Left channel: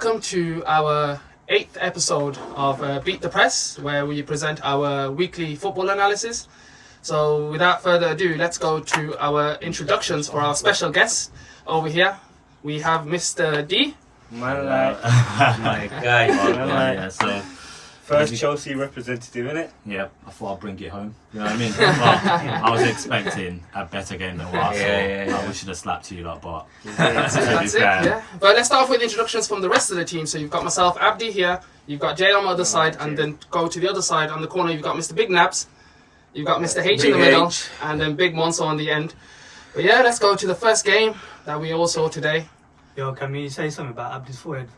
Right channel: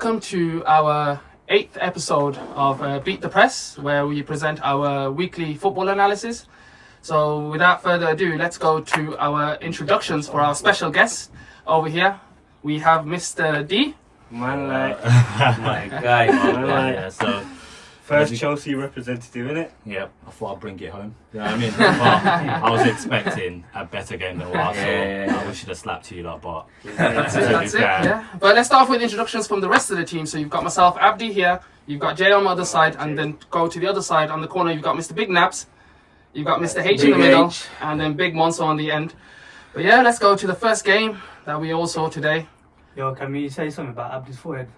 welcome to our 8th episode of Beat the Press, where we present our weekly football analysis. So without further ado, let's go to our introductions for our special guests. Over here, we have Mr. D. My guy. Yeah, so First Chelsea representative, innit? yeah, I thought I'd bring it home. You know what I mean? But I was expecting a better game than what I saw. I should have slapped you lot, but That's it, yeah. But let's start off with introductions from the rest of the team. So you've got myself, Abdi here. You've got Jay on the other side, and then go to the other side on the corner. You've got Mr. Big Naps. You've got Mr. H in the middle, and then Big Monso on the end. But yeah, let's go to the first game that we all saw today. Yo, can we say something about Abdi's forehead?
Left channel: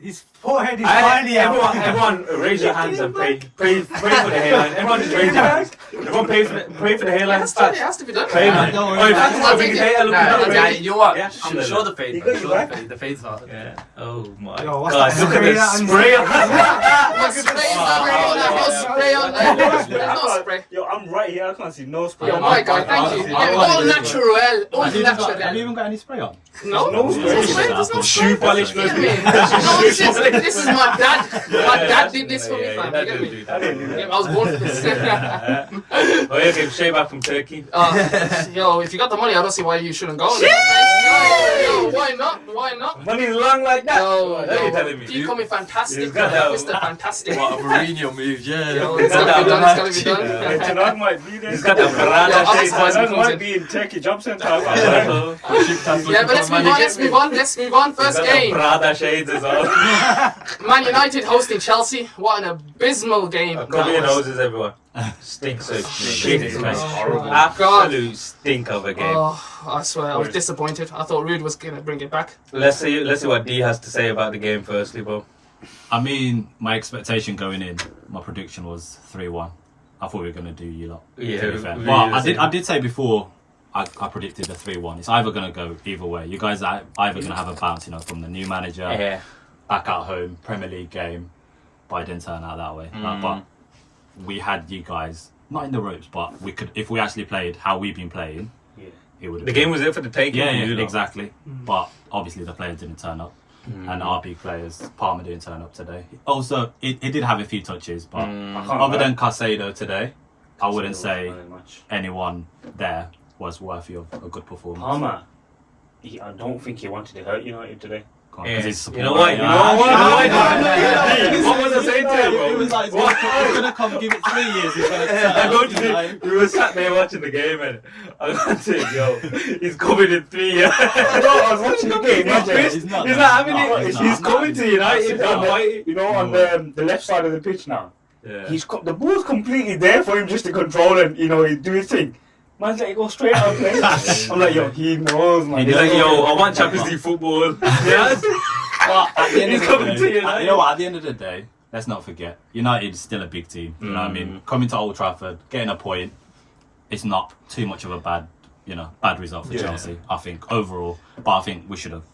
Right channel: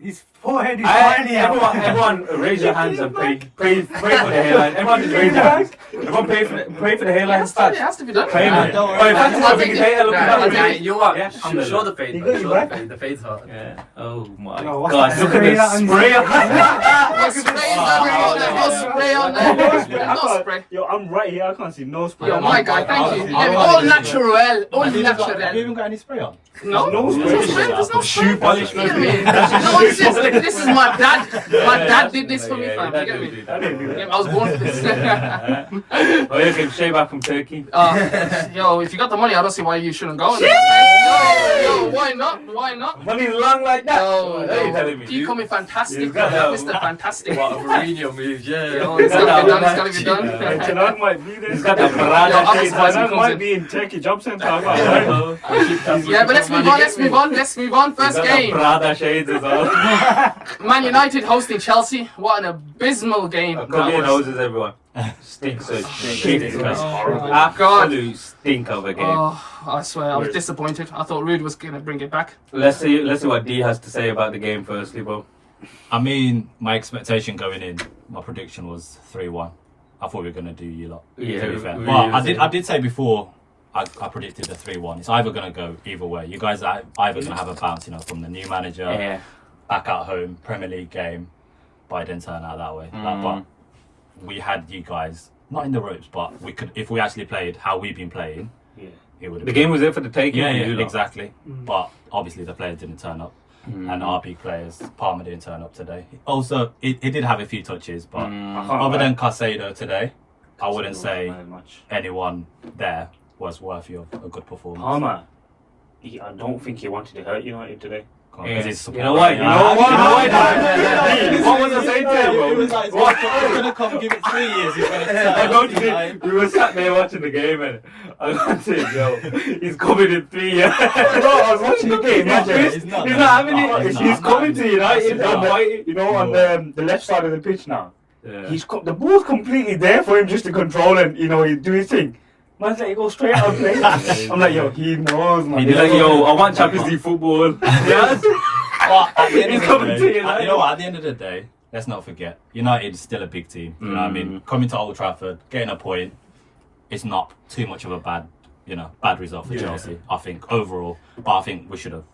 His forehead is tiny. Everyone raise your hands and pray for the hairline. Everyone just raise your hands. Everyone pray for the hairline. It has to be done. Pray, man. You know what? Yeah, I'm sure the fade. The fade's hot. Yeah. Oh my Yo, what's god. that Look at this spray. There's no spray on there. There's no spray. Yo, I'm right here. I can't see no spray. Yo, my guy, thank you. Yeah, all natural. All have you natural. even got any spray on? No, No spray. there's no spray. Shoe polish. You get me? No, this is my dad. My dad did this for me, fam. You get me? I didn't do that. Yeah, I was born for this. Oh, you can shave out from Turkey. Yo, if you got the money, I don't see why you shouldn't go. Yo, why not? Why not? Money's long like that. Yo, What are you telling me? you call me fantastic, He's got that- Mr. Fantastic. What a Mourinho move, yeah. Yo, it's gotta be done. It's gotta be done. Tonight might be there. He's got the Yo, Prada I'll shades just on. buy Tonight comes might in. be in Turkey Job Centre. Yeah, but let's move on. Let's move on. First game. Prada shades as well. Man United hosting Chelsea. What an abysmal game. Cover your noses, everyone. Stinks of shit. God. Absolute stink of a game. Oh, I swear, I was disappointed. I thought Rude was gonna bring it back. Let's see what D has to say about the game firstly, bro. I mean, my expectation going in, my prediction was 3-1. I thought we were going to do you lot. Yeah, to be fair. we- But we- I did say before, I predicted the 3-1. It's either going to go either way. You guys are either going to have a bounce, from the new manager, Yeah. back at home, Premier League game, but it didn't turn out that way. But we had you guys, not in the ropes, but we could, if we actually played how we've been playing, Yeah. it would have The game was there for the taking. Yeah, for you lot. exactly. But obviously the players didn't turn up. And our big players, Palmer didn't turn up today. Also, he did have a few touches, but I can't other lie. than Casado today, I wouldn't say Very much. anyone there was worthy of a good performance. Palmer, I don't think he wanted to hurt United today. Because he's You know what? supporting- You know what? What was I saying to him, bro? He was like, What? he's going to come give it 3 years. He's gonna I don't think we were sat there watching the game and I was like, yo, he's coming in 3 years. Bro, I was watching the game. He's not having it. He's coming to United. On the left side of the pitch now. Yeah. The ball's completely there for him just to control and he do his thing. Man's like, go straight out and play. I'm like, yo, he knows, man. He's like, yo, I want Champions League football. Yes. He's coming to United. You know what? At the end of the day, let's not forget, United is still a big team. You know what I mean? Coming to Old Trafford, getting a point, it's not too much of a bad result for Chelsea. I think overall, but I think we should have.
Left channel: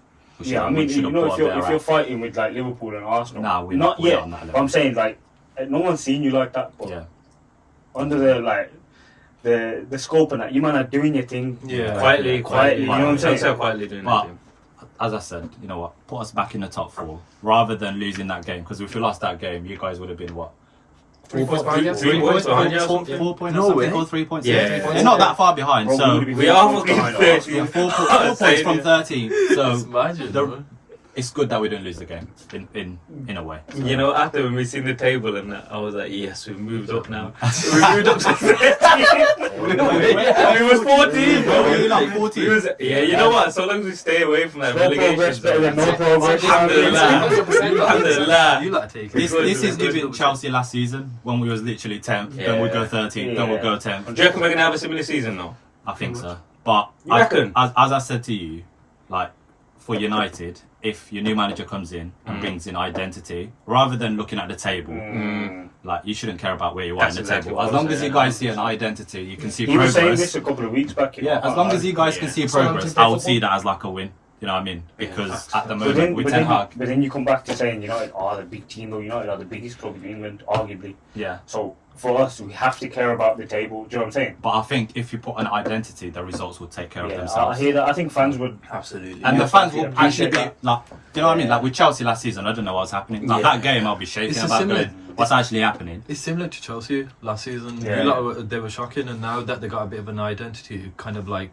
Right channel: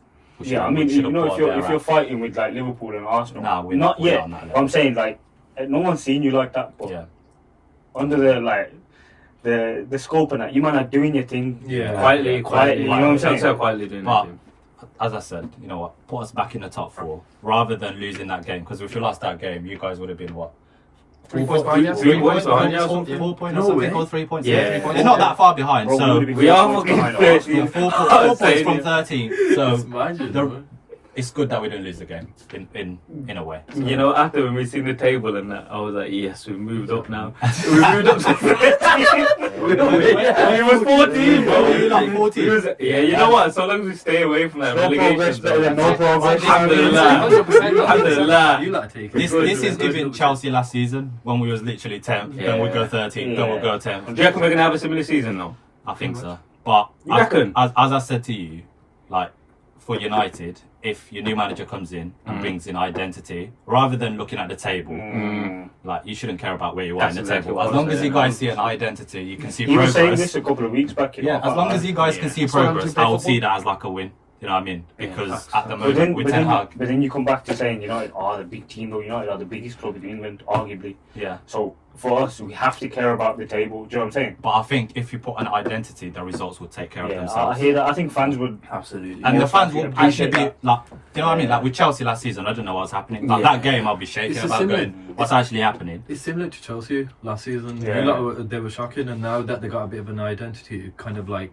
Yeah, I mean, if you're fighting with like Liverpool and Arsenal, Nah, we're not not yet. on that level. But I'm saying like, no one's seen you like that. But Yeah. under the scope and that, you man are doing your thing. Yeah. Quietly. You know what I'm saying? So quietly doing But it. as I said, you know what? Put us back in the top 4 rather than losing that game. Because if we lost that game, you guys would have been what? 3 points behind you. 3 points behind you. 4 points No or something, way. or 3 points. Yeah. 3 points. It's not that far behind. Bro, So we We are fucking behind 13. 4 points from 13. So it's good that we don't lose the game in a way. You know, after when we seen the table and that, I was like, yes, we've moved up now. We moved up to 13. We was 14, bro. We're like 14. You know what? So long as we stay away from that relegation zone. no progress. Alhamdulillah. 100%. Alhamdulillah. You like take it. This is even Chelsea last season when we was literally 10th, then we'd go 13th, then we'd go 10th. Do you reckon we're going to have a similar season though? I think so. But You reckon? as I said to you, like for United, if your new manager comes in and brings in identity, rather than looking at the table, like you shouldn't care about where you are That's in the exactly table. what As I long was as you saying. guys see an identity, you can see He was saying progress. this a couple of weeks back. Yeah, as long as you guys can see That's what I'm progress, to play I would see football. that as like a win. You know what I mean? Because at the But moment, then, with but, Ten then, Hag, but then you come back to saying United are the big team, though. United are the biggest club in England, arguably. yeah. So for us, we have to care about the table. Do you know what I'm saying? But I think if you put an identity, the results will take care of Yeah, I themselves. hear that. I think fans would. Absolutely. And Yeah, the fans will actually appreciate be that. like, you know what I mean? Yeah. Like with Chelsea last season, I don't know what's happening. Like Yeah. that game, I'll be shaking It's a about similar- going, what's actually happening. It's similar to Chelsea last season. Yeah. They were shocking, and now that they got a bit of an identity, it kind of like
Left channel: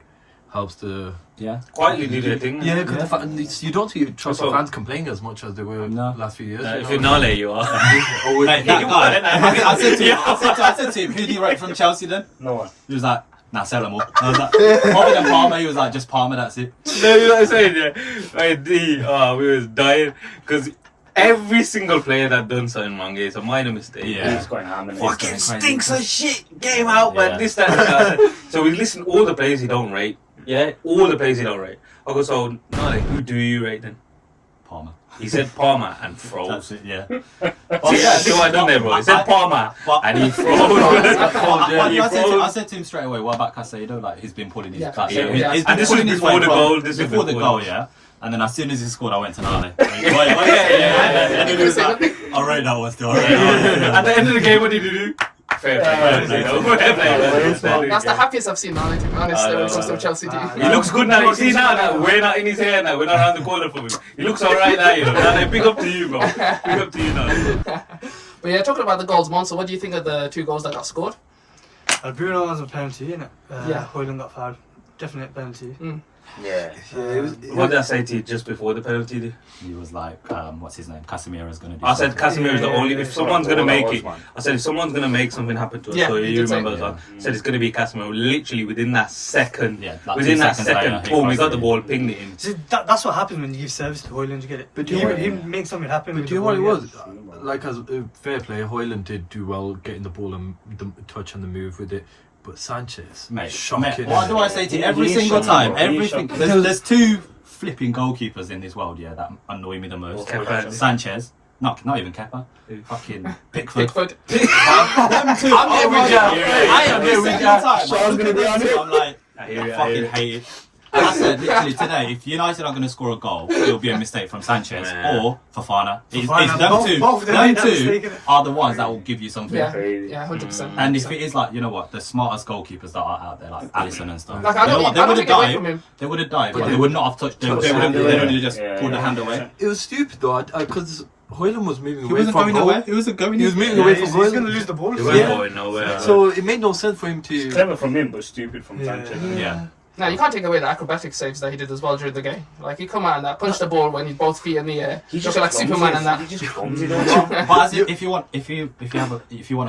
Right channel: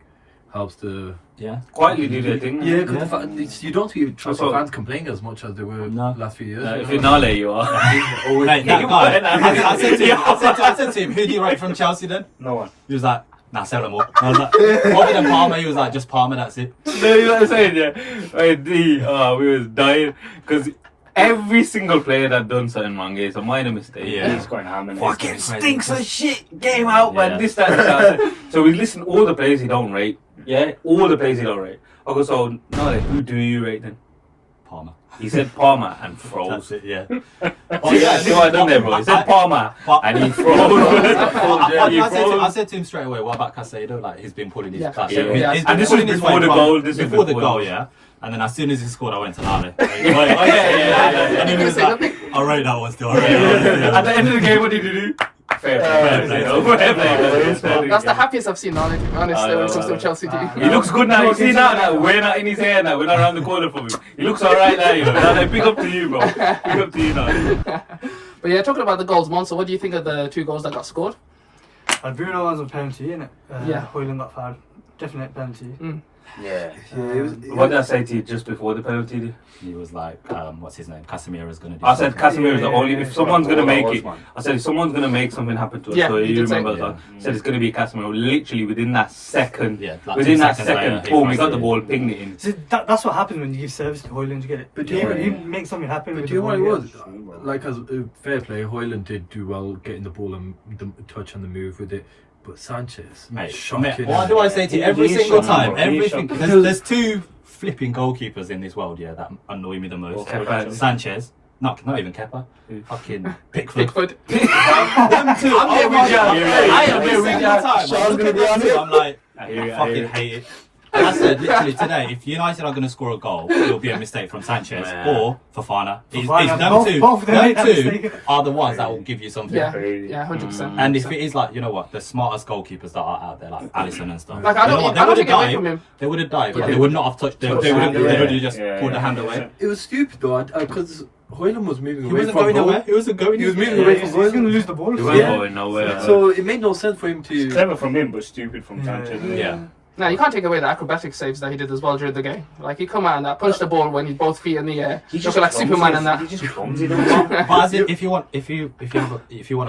helps the. Yeah. Quietly do their thing. Yeah, because you don't see Chelsea Also- fans complaining as much as they were No. last few years. If you're Nale, you are. Hey, that guy, I said to him, who do you rate from Chelsea then? No one. He was like, nah, sell them all. I was like, other than Palmer, he was like, just Palmer, that's it. No, you know what I'm saying? Yeah. Like, we was dying because every single player that done something wrong is a minor mistake. Yeah. He's going ham and Fucking everything. stinks of shit. Game out, man. Yeah. This, that. So we listen to all the players he don't rate. Yeah, all the players he don't rate. I go, so Nale, who do you rate then? Palmer. He said Palmer and That's froze. it, yeah. Oh yeah, see what I done there, bro. He said Palmer But- and he froze. I said to him straight away, what about Casado? Like, he's been pulling his Yeah. like, Yeah. he's And been this was pulling his before weight the from- goal, this was before the before goal, the- yeah. And then as soon as he scored, I went to Nale. yeah. And he was Say like, nothing. I rate that one still. At the end of the game, what did you do? Fair play. That's the happiest I've seen Nani, to be honest, I when know, it comes to I a know. Chelsea team. He looks good now. You see now that we're not in his hair now. We're not around the corner from him. He looks alright now. You know. Now, big up to you, bro. Big up to you now. But yeah, talking about the goals, Monso, what do you think of the 2 goals that got scored? Bruno was a penalty, innit? Yeah. Hoyland got fouled. Definite penalty. Yeah. it was- What did I say to you just before the penalty? He was like, what's his name? Casemiro's going to do I said something. Casemiro is the only. If someone's gonna make it, man. I said if someone's gonna make something happen to us, Yeah, so you you did say- remember that. I said it's gonna be Casemiro. Literally within that second, Yeah, like within 2 that seconds second, later, he boom, we crossed got the it. ball, pinged it in. See, that's what happens when you give service to Hoyland. You get it. But He, yeah. he makes something happen. But with do you know the what it ball, was? Like, as fair play, Hoyland did do well getting the ball and the touch and the move with it. But Sanchez, Mate, shocking. what do I say to you? Every He is single shocking, time, bro. He is everything. shocking. There's 2 flipping goalkeepers in this world, yeah, that annoy me the most. Kepa. Sanchez, not even Kepa, fucking Pickford. Pickford. Them 2, I'm here with you. I am here with you. Sean's gonna be on it. I'm like, I hear you, I I hear fucking you. hate it. And I said literally today, if United are going to score a goal, it'll be a mistake from Sanchez Man. or Fofana. It's Fofana. them Both- two. both of them Them made that two mistake, innit? are the ones that will give you something. Yeah, Crazy. yeah, 100%. And if it is like, you know what, the smartest goalkeepers that are out there, like Alisson and stuff. Like, I don't they would take it have away from died. him. They would have died, but Yeah. they would not have touched. They would have just pulled the hand away. It was stupid though, because Hoyland was moving He away wasn't from going goal. away. He wasn't going. He was moving Yeah. away from He's goal. going to lose the ball. He wasn't Yeah. going nowhere. So it made no sense for him to. Clever from him, but stupid from Yeah. Sanchez. Yeah. No, you can't take away the acrobatic saves that he did as well during the game. Like, he come out and that punched the ball when he's both feet in the air. He Looking like Superman and that. He just clumsy, don't he? But as if you want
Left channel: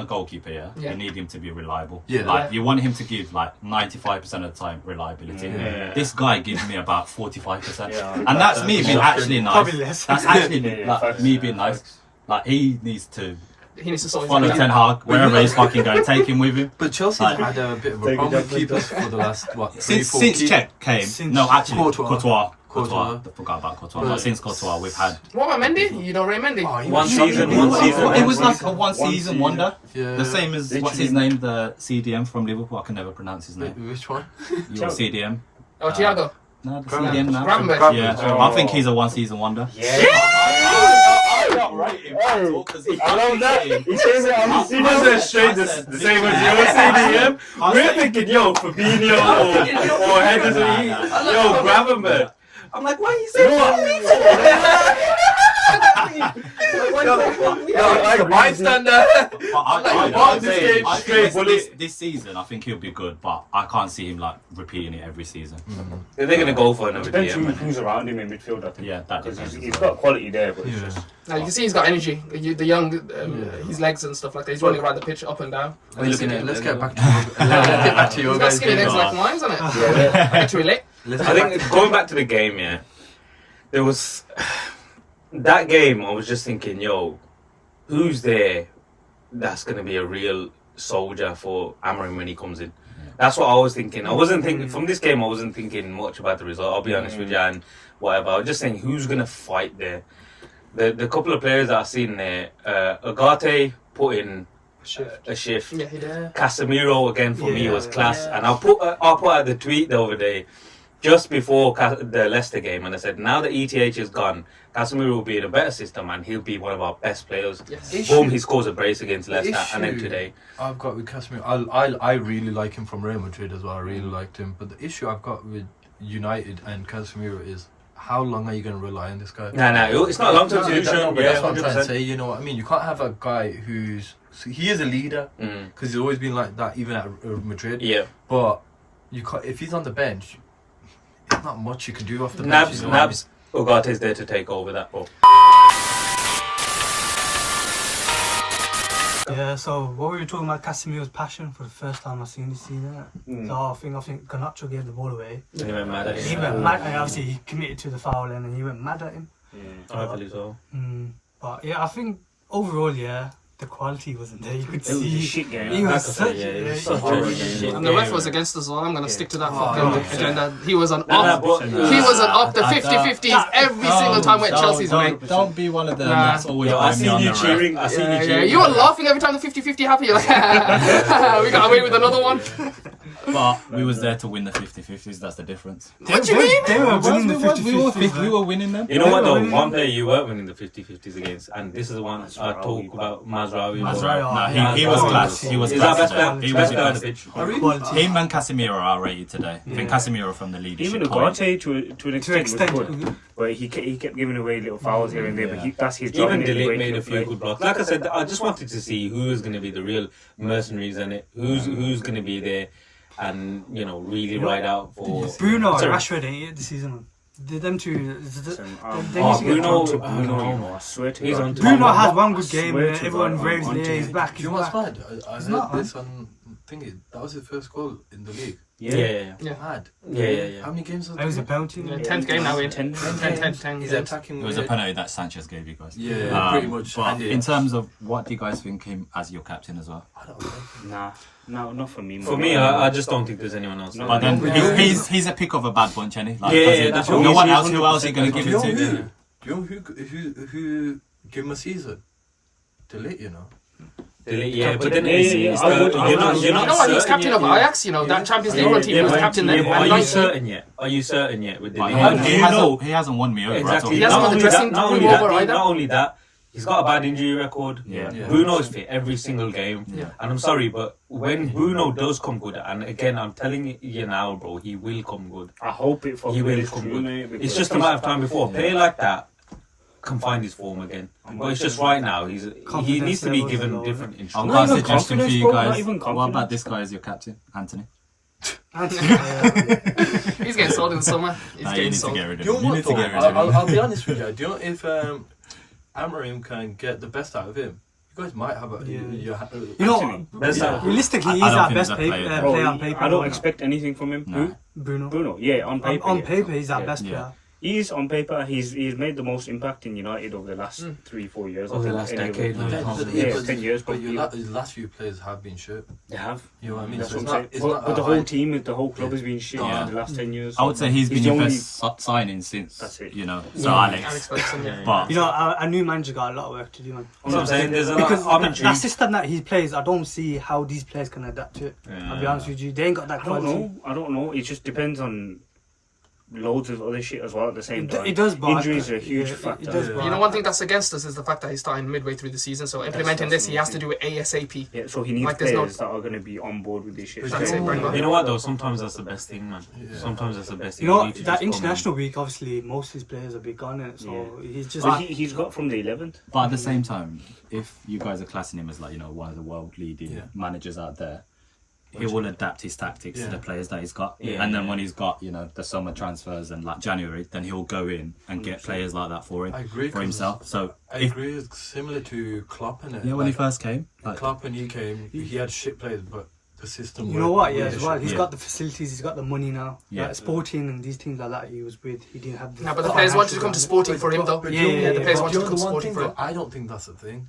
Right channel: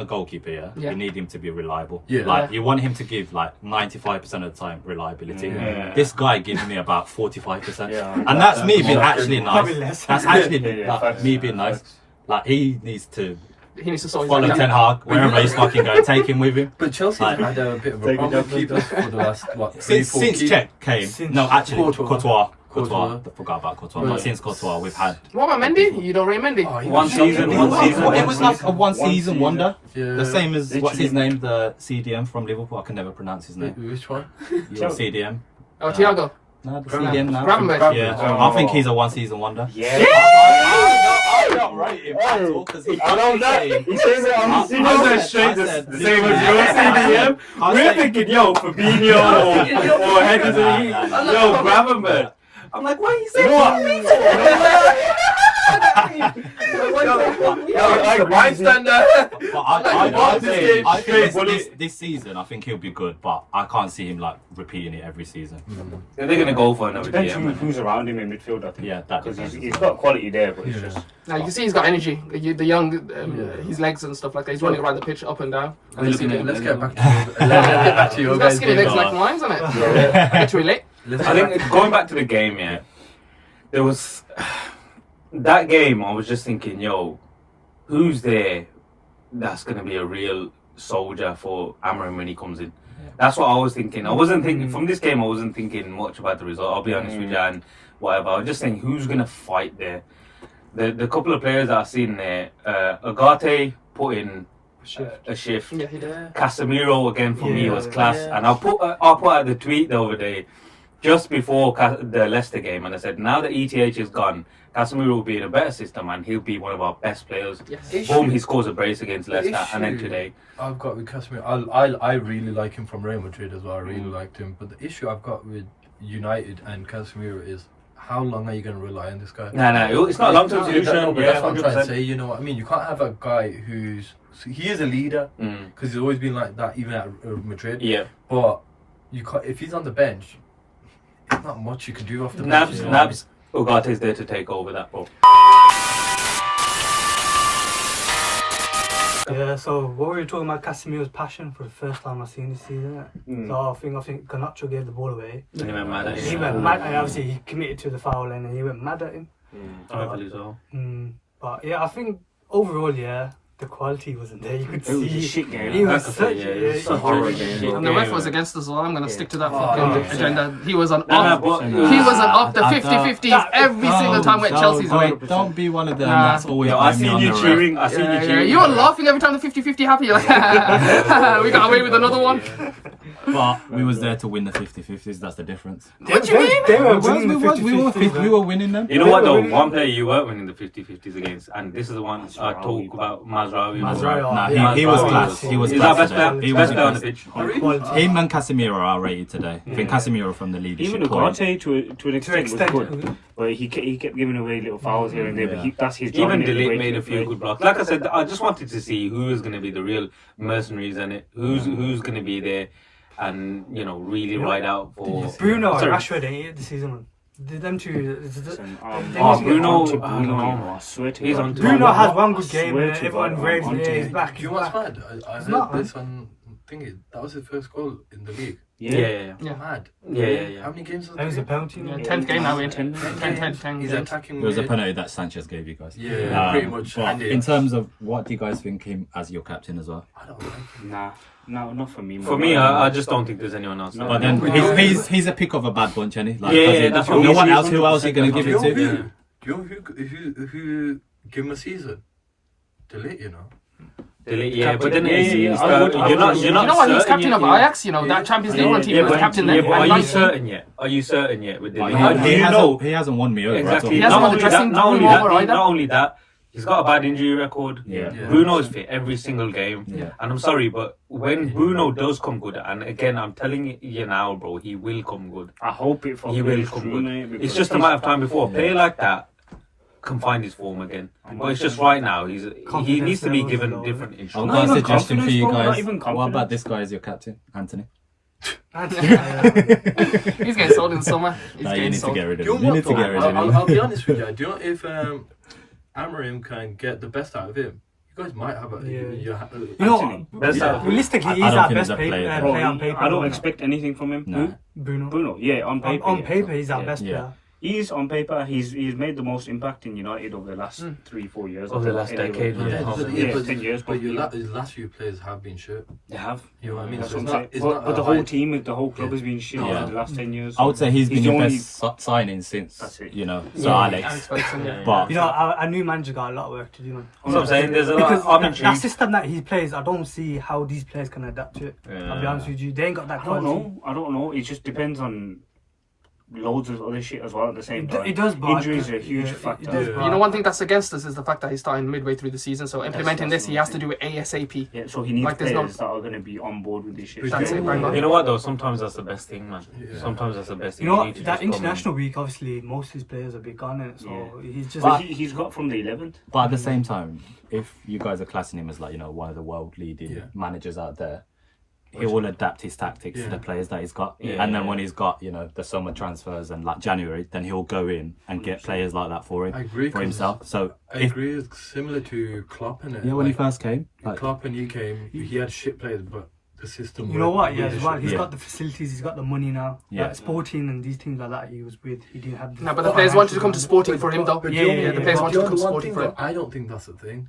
a goalkeeper, yeah, Yeah. you need him to be reliable. Yeah. Like you want him to give like 95% of the time reliability. Yeah. This guy gives me about 45%, Yeah. and that's me being actually Probably nice. less. That's actually Yeah, like, facts. me being nice. Like he needs to He needs to sort follow his Ten Hag wherever he's fucking going. Take him with him. But Chelsea Like- had a bit of a Take problem it with up, keepers for the last 3-4 Since Czech came, Since no, actually Courtois. Courtois. Forgot about Courtois. Yeah. But since Courtois, we've had. What about Mendy? You don't rate Mendy? Oh, he One was season, shocking. one season. It was like a One one-season season. wonder. Yeah. The same as what's his Literally. name, the CDM from Liverpool. I can never pronounce his name. Which one? Yeah, CDM. Oh, Thiago. No, the Gravenberch. CDM now. Gravenberch. Yeah, Oh. I think he's a one-season wonder. Yeah. I don't rate him at all, 'cause I don't know. He says it on the CDM straight the same as your CDM. We're thinking, yo, Fabinho or Henderson. Yo, Gravenberch. I'm like, why are you saying This season, I think he'll be good, but I can't see him like repeating it every season. They're going to go for another Depends DM. who's around him in midfield, I think. Yeah, that Because depends he's as well. got quality there, but it's Yeah. just. Now you can see he's got energy. The young, his legs and stuff like that. He's running around the pitch up and down. Let's get back to your He's got guys. skinny legs like mine, isn't it? I get to relate. I think going back to the game, yeah, there was that game. I was just thinking, yo, who's there that's gonna be a real soldier for Amarim when he comes in? That's what I was thinking. I wasn't thinking from this game. I wasn't thinking much about the result. I'll be honest with you, and whatever. I was just saying, who's gonna fight there? The couple of players that I've seen there, Agate put in a shift. Yeah, he did. Casemiro again for me Yeah, was class, yeah. and I'll put out the tweet the other day. just before the Leicester game, and I said, now that ETH is gone, Casemiro will be in a better system, and he'll be one of our best players. Yes. Boom, he scores a brace against Leicester, and then today. I've got with Casemiro, I really like him from Real Madrid as well. I really liked him, but the issue I've got with United and Casemiro is, how long are you going to rely on this guy? No, it's not a long-term solution, but that's what I'm trying to 100%. say. You know what I mean? You can't have a guy he is a leader because he's always been like that, even at Madrid. Yeah. But you can't, if he's on the bench, there's not much you can do off the bench. Nabs, Ugate's there to take over that ball. Yeah, so what were you talking about? Casemiro's passion for the first time I've seen this season. So I think Garnacho gave the ball away. He went mad at He him. went mad, and obviously he committed to the foul, and he went mad at him. Rightfully so. But yeah, I think overall, yeah, the quality wasn't there. You could It was see a shit game. he was Like I such said, yeah, it was a such horrible a game. shit And the game. ref was against us as well. I'm going to stick to that fucking 100%. agenda. He was on No, off. but- He wasn't up the I 50-50s every single time when Chelsea's way. Don't be one of them. Nah. That's always Yo, I bring me seen on you the ref. cheering. I seen you Yeah, cheering. you were laughing every time the 50-50 happened. You're like, we got away with another one. But we was there to win the 50-50s. That's the difference. What do you mean? They were winning the We were winning them. You know what though? One player you weren't winning the 50-50s against, and this is the one I talk about, Mazraoui. Mazraoui. He was class. He was Is that class best today. player? He Best was player on the the pitch. Him and Casemiro are rated today. I think Casemiro from the leadership. Even point. Ugarte to an extent was good, but he kept giving away little fouls here and there. But that's his job. Even innit? The Delete way made he a few play. good blocks. Like I said, I just wanted to see who is going to be the real mercenaries in it. Who's going to be there, and really ride out for Bruno and Sorry. Rashford ain't it this season, man. Did them two? Listen, They Oh, must get Bruno, on to I Bruno, don't know. you know, I swear to He's God. on to- Bruno has one I good game. swear And to everyone God, raves I'm there. He's onto back. Do you know what's mad? I It's heard not, this on thingy. That was his first goal in the league. Yeah. Mad. Yeah. How many games was That was a it? penalty. Yeah, 10th game now, in 10 He's games. attacking It was a mid. penalty that Sanchez gave you guys. Yeah, pretty much. But handed in it. terms of what do you guys think him as your captain as well? I don't like him. Nah, no, not for me. For me, I just don't think there's anyone else. No, But then Yeah. he's a pick of a bad bunch, isn't he? Like, Yeah, because that's no what one he's else. Who else are you gonna give Do you it know to? who? Do you know who give him a season? Delete, you know. Yeah, but then Yeah, it's, I would- you're not. You know what? He was certain captain yet. of Ajax. You know that Champions League run team. He was captain there. But are And you 19. certain yet? Are you certain yet with the Like, league? he, Do he you know? hasn't, he hasn't won me over Exactly. He hasn't Not won the only dressing that- not room only over that, either. Not only that, he's got a bad injury record. Yeah. Bruno is fit every single game. Yeah. And I'm sorry, but when Bruno does come good, and again, I'm telling you now, bro, he will come good. I hope it for He will Bruno's come true, good. mate, It's because just a matter of time before a player like that can find his form again. But it's just right now, he needs to be given different I've instructions. got a even suggestion for confidence, you bro, not guys. even What about confidence. this guy as your captain, Anthony? He's getting sold in the summer. He's Nah, you getting need to sold. get rid Do of you him. know You what need to though? get rid of him. I'll be honest with you. Do you know if Amorim can get the best out of him? You guys might have a. Yeah. You You know, Best out of him. realistically, I he's don't our think best he's a player. Bro, player on paper. I don't expect anything from him. No. Who? Bruno. Bruno, yeah, on paper. On yeah. paper, he's our Yeah. best Yeah. player. He's on paper. He's made the most impact in United over the last 3-4 years. Over the last decade, Yeah, yeah. 10 years. But Probably. his last few players have been shit. They have. You know what I mean? That's So what it's I'm not. saying. It's But, not but the a whole high- team, the whole club Yeah. has been shit Yeah. in the last 10 years. I would say he's been the your only- best signing since, That's it. Sir Alex Alex. Ferguson, yeah. But You know, our new manager got a lot of work to do, man. That's what I'm saying. There's a Because lot. I'm that intrigued. system that he plays, I don't see how these players can adapt to it. I'll be honest with you, they ain't got that I don't quality. know. I don't know. It just depends on loads of other shit as well at the same time. It does, but Injuries are a huge yeah, it factor. does, Yeah. but- You know, one thing that's against us is the fact that he's starting midway through the season. So implementing this, he has to do it ASAP. Yeah, so he needs Like, there's no- players that are going to be on board with this shit. That's it, Brandon. You know what though? Sometimes that's the best thing, man. Yeah. Sometimes that's the best thing. You know need what? to That just come in. international week, obviously, most of his players will be gone, innit? So Yeah. he's just. But he's got from the 11th. But at the same time, if you guys are classing him as like, one of the world leading Yeah. managers out there, he will adapt his tactics to Yeah. the players that he's got. Yeah. And then when he's got, the summer transfers and like January, then he'll go in and get players like that for him, I agree. for 'cause himself. So I if, agree. It's similar to Klopp, innit? when he first came, like, Klopp when he came, he had shit players, but the system. You know what? worked Yeah, really as well. shit. He's Yeah. got the facilities. He's got the money now. Yeah. Like Sporting and these teams like that, he was with. He didn't have. The No, but the players wanted to come to Sporting for him, though. But Yeah, you know- yeah, the players but wanted you to know come the one Sporting thing for him. though, I don't think that's the thing.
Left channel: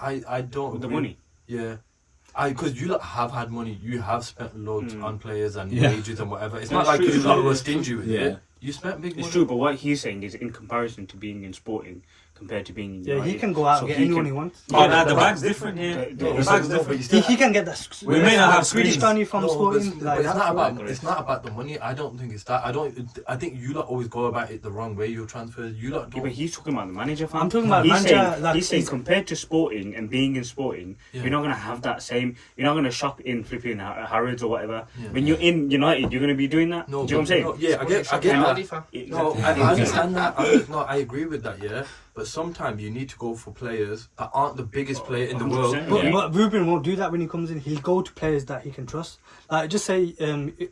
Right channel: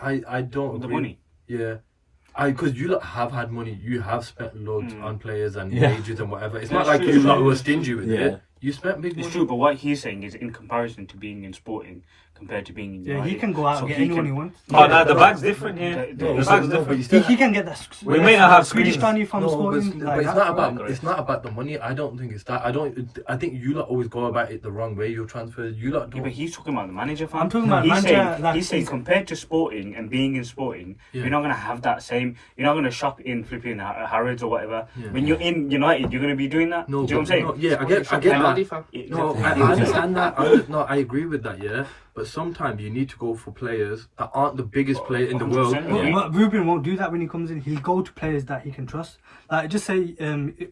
I don't With the agree. money. Yeah. Because you lot have had money, you have spent loads on players and Yeah. wages and whatever. It's That's not like true, you it's lot true. were stingy with Yeah. it. You spent big money. It's true, but what he's saying is in comparison to being in Sporting, compared to being in Yeah, United. he can go out So and get he anyone can- he wants. Oh, no, the bag's different, yeah. The- The bag's different. He can get that. We may not have Swedish screens. money from No, but Sporting. but Like it's that. not about the money. I don't think it's that. I think you lot always go about it the wrong way. Your transfers, you lot Yeah, don't. but he's talking about the manager, fam. I'm talking about he's manager, saying, like, he's saying he's- compared to Sporting and being in Sporting, Yeah. you're not gonna have that same. You're not gonna shop in flipping Harrods or whatever. Yeah. When you're in United, you're gonna be doing that. No, Do you know what I'm saying? no, yeah, I get Penalty, that. fam. No, I understand that. I agree with that. Yeah, but sometimes you need to go for players that aren't the biggest player in the world. 100%. But, Yeah. but Ruben won't do that when he comes in. He'll go to players that he can trust. Like just say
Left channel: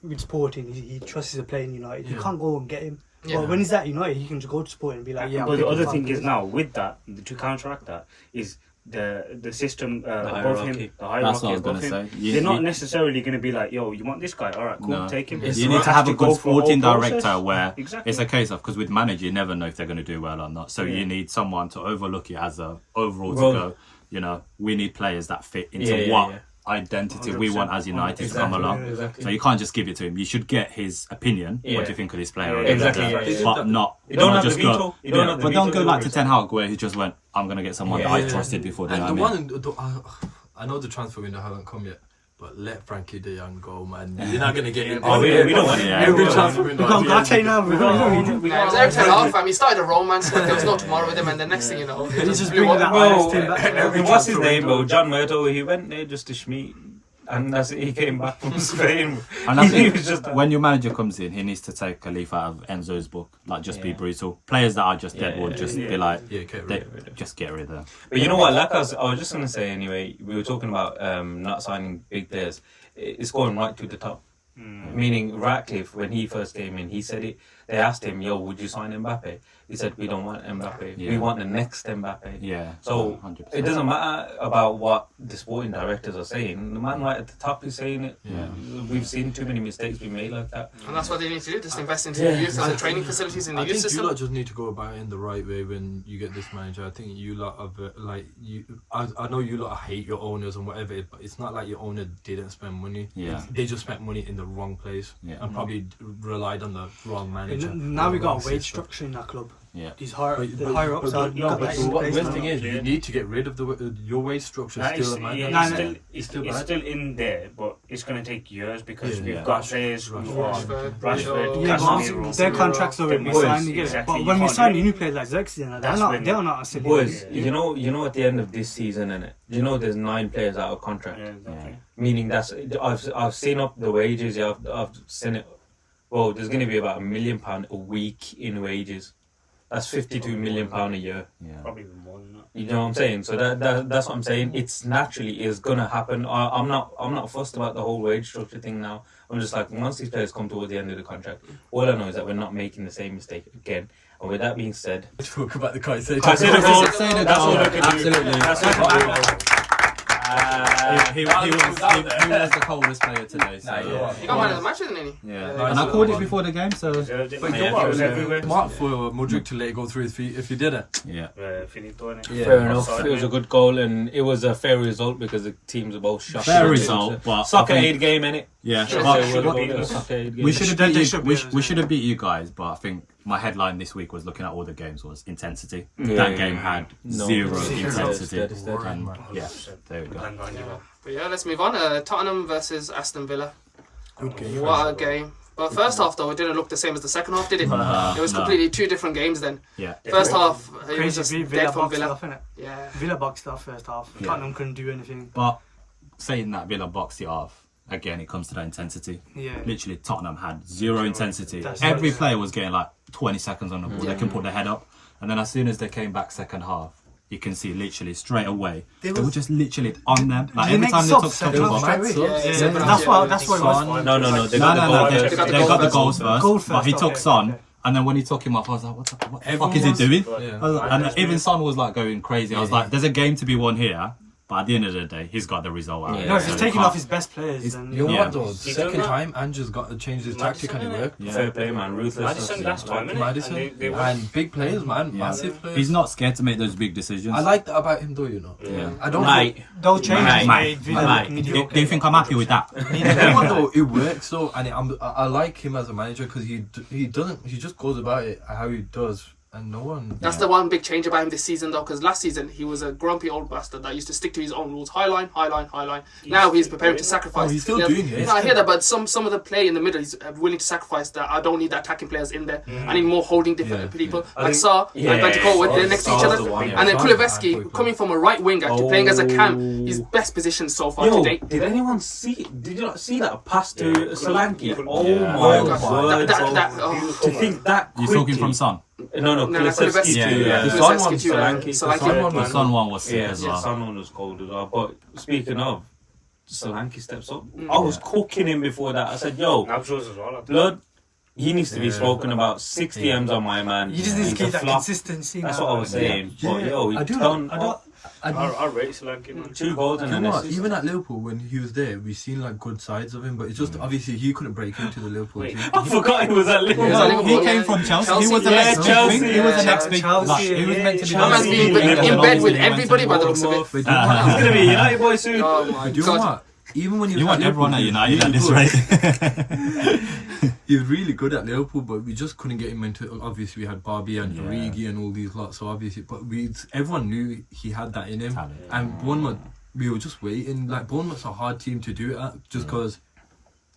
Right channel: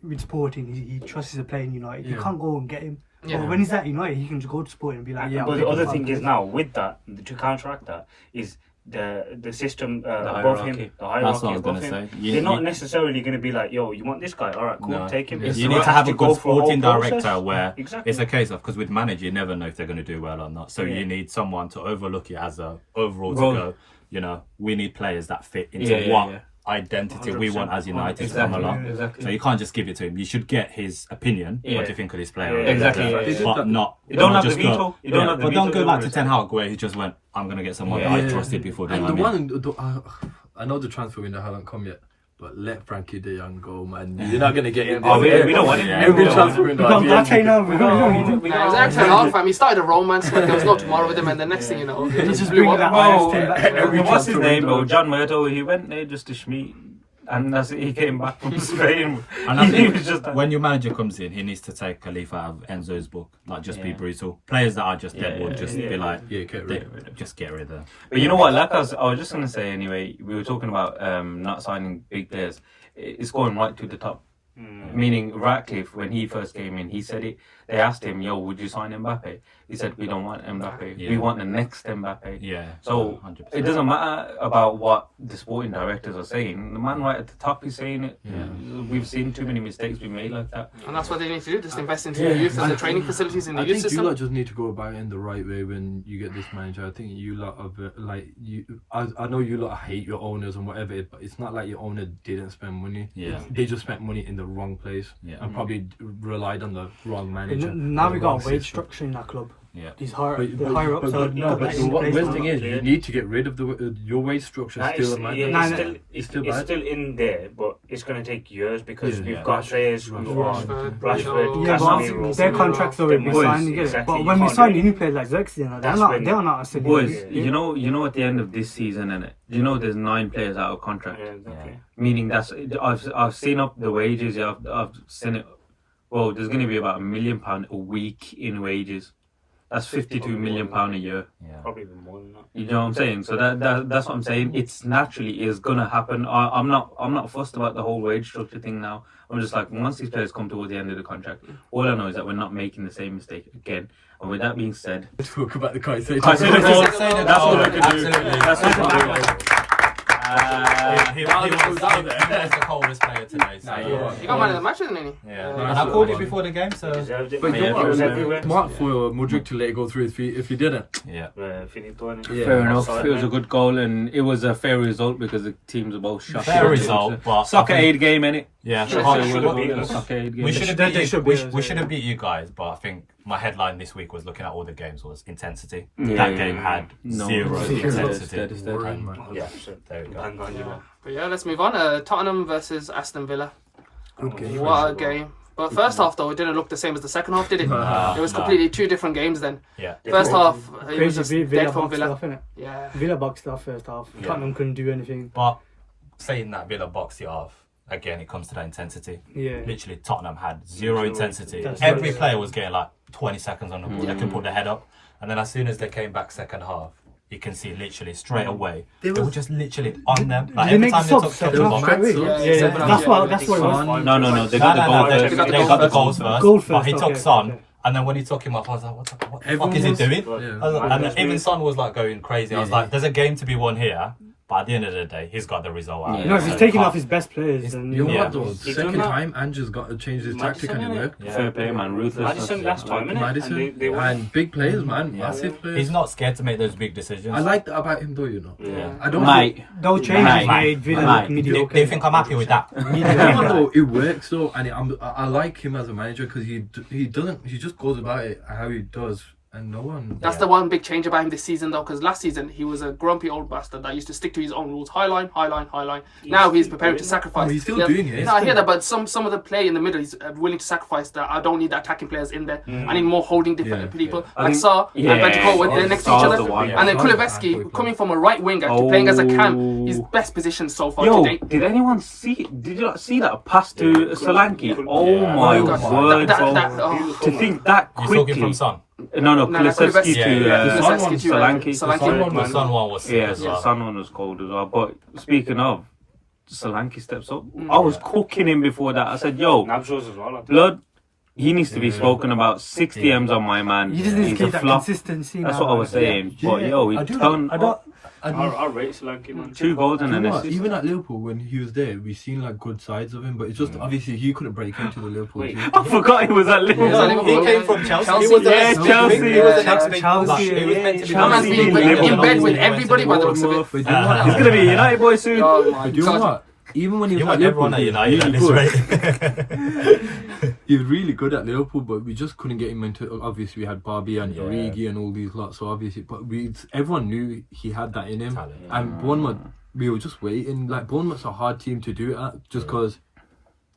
with Sporting, he trusts a player in United. Yeah. You can't go and get him. Yeah. But when he's at United, he can just go to Sporting and be like, yeah. But I'll the pick other him thing up. is now with that to counteract that is the system above hierarchy. him, the That's hierarchy what I was above gonna him. say. They're not necessarily going to be like, yo, you want this guy? All right, cool, No. take him. Yes. You They need to have a go good through a whole sporting process. director where Exactly. it's a case of, because with manager you never know if they're going to do well or not. So Yeah. you need someone to overlook it as a overall Role. to go. You know, we need players that fit into Yeah, yeah, what yeah. identity we want as United to come Exactly, along. exactly. So you can't just give it to him. You should get his opinion. Yeah. What do you think of this player? Yeah, exactly. But not. You don't have just the go- veto. You don't have the but don't veto go like over to it. Ten Hag where he just went, I'm going to get someone that I trusted before. And doing the it." one, I know the transfer window hasn't come yet, but let Frankie De Jong go, man. You're not gonna get him. Oh, we don't want him. Yeah. Every transfer window. I'll tell you now. We don't need him. Nah, it was Eric Ten Hag, fam. He started a romance, like there was no tomorrow with him, and the next thing you know, it He just just blew bring that up. Oh, Irish team back. what's his name though? John Murdo. He went there just to schmeat, and that's it. He came back from Spain. And I He think was just when your manager comes in, he needs to take a leaf out of Enzo's book. Like, just be Yeah. brutal. Players that are just dead will just be like, Yeah, get rid of it. just get rid of them. But you know what? Like I was just gonna say anyway. We were talking about not signing big players. It's going right to the top. Meaning Ratcliffe, when he first came in, he said it. They asked him, "Yo, would you sign Mbappe?" He said, "We don't want Mbappe. We Yeah. want the next Mbappe." Yeah. So 100%. it doesn't matter about what the sporting directors are saying. The man right at the top is saying it. Yeah. We've seen too many mistakes be made like that. And that's what they need to do, just invest into the youth and the training facilities in the I youth think you system. lot just need to go about it in the right way when you get this manager. I think you lot are like you. I know you lot hate your owners and whatever, but it's not like your owner didn't spend money. Yeah. They just spent money in the wrong place Yeah. and probably relied on the wrong manager. Now we the got wrong a wage system. structure in our club. Yeah. These the But- higher ups are no, got but that in what place the now. thing is, you need to get rid of your wage structure. That Still, is- man. yeah, No, it's no. still, It's it's, still it's bad. still in there, but it's going to take years because Yeah. we've Yeah. got players who are Rashford, Rashford, Yeah, Casemiro. but their contracts are already Boys, signed. You get it. exactly, But you when we can't sign do it. new players like Xerxes, they're That's not. when- They're not a silly. Boys, Yeah. you know, at the end of this season, innit? You know, there's 9 players out of contract. Yeah, exactly. Meaning that's I've seen up the wages. Yeah, I've seen it. Well, there's going to be about £1 million a week in wages. That's £52 million a year. Yeah. Probably even more than that. You know what I'm saying? So that's what I'm saying. It's naturally is gonna happen. I'm not fussed about the whole wage structure thing now. I'm just like, once these players come towards the end of the contract, all I know is that we're not making the same mistake again. And with that being said, Talk about the Caicedo. Caicedo goal, Say the that's goal. all I can do. Absolutely. That's all I can do. He was the coldest player today. So. You got man of the match, didn't he? Yeah. And I called it before the game, so. Deserved it. But Man, you know it was what? everywhere. Smart for Mudryk to let it go through his feet if he didn't. Yeah. Finito, innit? Yeah. Fair enough. Offside, It was a man. good goal, and it was a fair result because the teams are both shot. Fair result, but Soccer I think- aid game, innit? Yeah. Sure, But sure, what- sure. Soccer aid game. we should have They beat you. should We, be, we should have beat you guys, but I think my headline this week was looking at all the games was intensity. Yeah, That yeah, game yeah. had No, zero it's intensity. dead, it's dead. And, Man. yeah, there we go. Bang on, you know. But yeah, let's move on. Tottenham versus Aston Villa. Good game. What a game. But first half, though, it didn't look the same as the second half, did it? Nah, It was nah. completely two different games then. Yeah. First half, it was just Crazy, dead from boxed Villa. off, innit? Yeah. Villa boxed off first half. Yeah. Tottenham couldn't do anything. But saying that Villa boxed it off, again, it comes to that intensity. Yeah. Literally, Tottenham had zero intensity. That's Every right. player was getting like 20 seconds on the ball. Yeah. They can put their head up. And then as soon as they came back second half, you can see literally straight away. They were just literally on them. Like They every make time they subs took second the half ball. straight away. Yeah, Yeah, yeah, yeah, yeah. that's what it was. No, they got the No, goal they first. got the goals first. Goal But he first, took okay, Son, okay. and then when he took him off, I was like, what the fuck Everyone is he was- doing? Yeah. I was like, and even Son was like going crazy. I was like, there's a game to be won here, but at the end of the day, he's got the result out. Yeah. No, he's taking off his best players. And, You know Yeah. what though? He's Second done that. time, Andrew's got to change his tactic and it worked. Yeah. Fair play, man. Ruthless. Madison last time, innit? Madison And they won. and big players, man, Yeah. massive players. He's not scared to make those big decisions. I like that about him, though. You know, Yeah. I don't. Mate, those changes Mate, made Villa mate. look do mediocre. you think I'm happy with that? You know what though? It works though, and I like him as a manager because he just goes about it how he does, And no one. That's the one big change about him this season, though, because last season he was a grumpy old bastard that used to stick to his own rules. High line, high line, high line. Now he's preparing to sacrifice. Oh, he's still doing it. No, I hear that, but some of the play in the middle, he's willing to sacrifice that. I don't need the attacking players in there. I need more holding different people. Like Saar and Bentancur with they're next to each other. And then Kulusevski coming from a right winger to playing as a cam, his best position so far to date. Did anyone see? Did you not see that pass to Solanke? Oh my word! To think that You're quickly. talking from Son. No, Kulusevski Kulusevski to to Solanke. The Son one was sick as The well. Son one was cold as well. But speaking of, Solanke steps up. I was cooking him before that. I said, "Yo, Nabshows as well. blood." He needs to be spoken about. 6 M's on my man. You just need to He's keep a that flop. consistency. That's now. what I was saying. But yo, he turned up I rate Solanke, man. 2 goals and You an know what? assist. Even at Liverpool, when he was there, we seen like good sides of him, but it's just obviously he couldn't break into the Liverpool Wait. team. I forgot he was at Liverpool. He was at Liverpool. He Yeah. came from Chelsea. Chelsea, He was the yeah, next Chelsea, big. He was the yeah. next big. Chelsea, He was meant to be. That man's been in bed with everybody by the looks of it. But you know what? He's gonna be a United boy soon. Oh my But you know god. what? Even when he was You at want Liverpool, everyone at he was United at really this good. rate. He was really good at Liverpool, but we just couldn't get him into. Obviously, we had Barbie and Yeah. Origi and all these lots. So obviously, but everyone knew he had that in him. Talent. And Bournemouth, we were just waiting. Like Bournemouth's a hard team to do it at, just because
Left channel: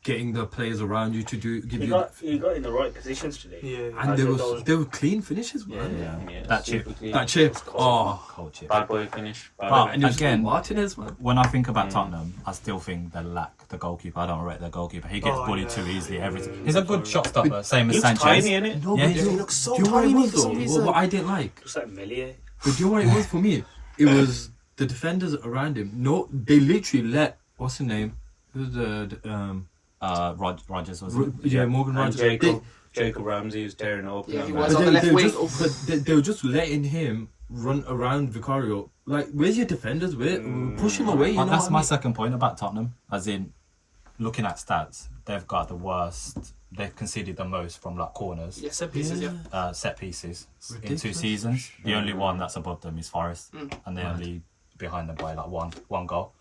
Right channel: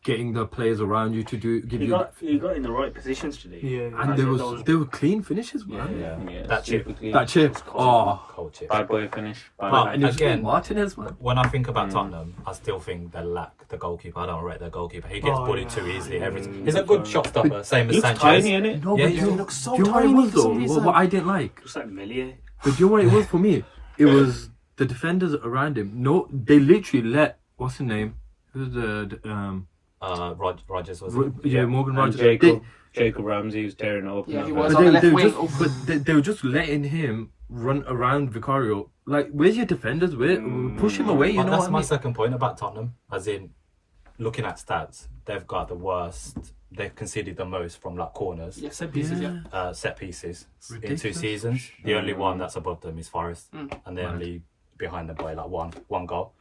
getting the players around you to give He you. got in the right positions today. Yeah. And there were clean finishes, man. Yeah, That chip. That chip. Oh, Cold chip. Bad boy finish. Bad Well, boy. and it was Again, Martinez, man. When I think about Tottenham, I still think they lack the goalkeeper. I don't rate the goalkeeper. He gets bullied too easily. Everything. He's a good shot stopper, same as Looks Sanchez. tiny, innit? No, Yeah, but he you- looks so do you know what it tiny was, for some though? reason. What I didn't like. Just like Melier. But do you know what it was for me? It was the defenders around him. No, they literally let what's his name? Who's the Rogers was Morgan And Rogers. Jacob Ramsey was tearing it up. Yeah, he Like was that. on the left were wing. just- but they were just letting him run around Vicario. Like, where's your defenders? Push him away. You Well, know that's what I my mean? second point about Tottenham. As in, looking at stats, they've got the worst. They've conceded the most from like corners, Yes, set pieces, yeah. set pieces in Ridiculous. 2 seasons. The only one that's above them is Forest, Mm. and they're only behind them by like one goal.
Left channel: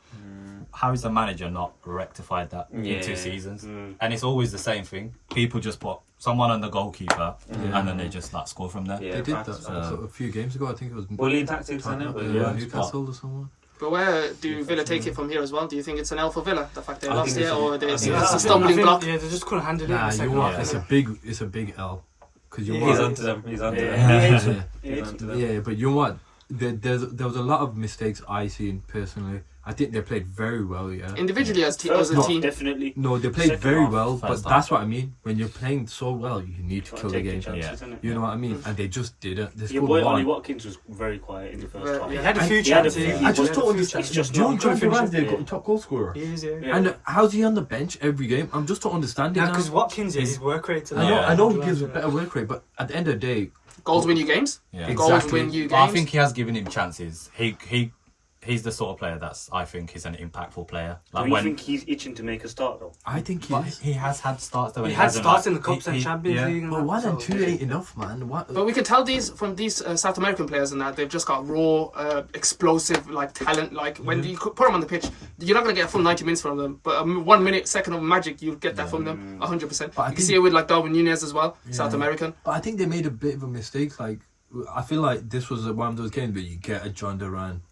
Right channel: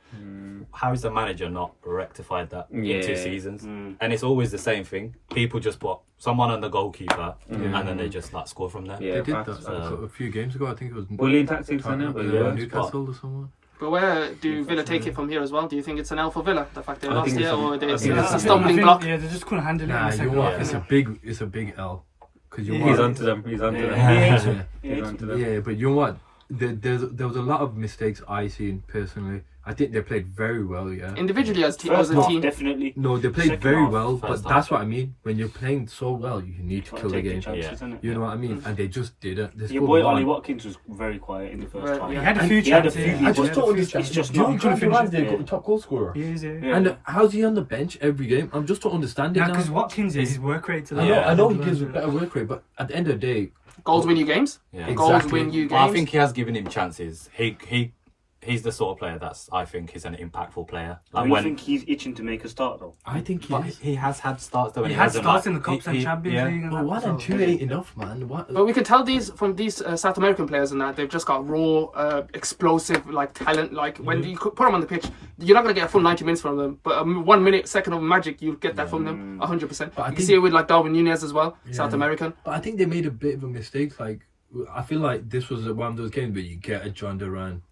How is the manager not rectified that in 2 Yeah. seasons? And it's always the same thing. People just put someone on the goalkeeper, and then they just like score from there. Yeah, They did facts. that a few games ago. I think it was Bullying tactics, Tottenham, innit? But yeah, Newcastle or someone. But where do Villa take it from here as well? Do you think it's an L for Villa, the fact they I lost think here, it's a- or I it's think a it's a- stumbling block? Yeah, they just couldn't handle it. in Nah, the you second what? half. It's a big L. Because you He's want. onto them. He's onto Yeah. them. Yeah. He's onto them. Yeah, but you know what? There was a lot of mistakes I seen personally. I think they played very well. Yeah. Individually as a First half, team. definitely. No, they played Second very half, well, but first that's half. what I mean. When you're playing so well, you need to kill the game. You know what I mean? And they just didn't. They Your scored boy one. Ollie Watkins was very quiet in the first Right, half. yeah. He had a And few he had a chances. few- I just don't understand. It's just Do you know not Jonathan trying to Ramsey finish it. got top goal scorer? He is, yeah. Yeah. And how's he on the bench every game? I just don't understand it now. Because Watkins is his work rate. I know he gives a better work rate, but at the end of the day, Goals win you games. Yeah. Goals Exactly. win you But I games. think he has given him chances. He's the sort of player that's I think he's an impactful player. Do Like you when think he's itching to make a start though? I think he but is. he has had starts though. He and had hasn't, starts like, in the Cups and Champions League. and But that, 1 and so- 2 ain't enough, man. What? But we can tell from these South American players and that they've just got raw, explosive like talent. Like when you put them on the pitch, you're not gonna get a full 90 minutes from them. But 1 minute, second of magic, you get that from them 100%. But I You can think- see it with like Darwin Nunez as well, South Yeah. American. But I think they made a bit of a mistake. Like, I feel like this was one of those games where you get a John Duran.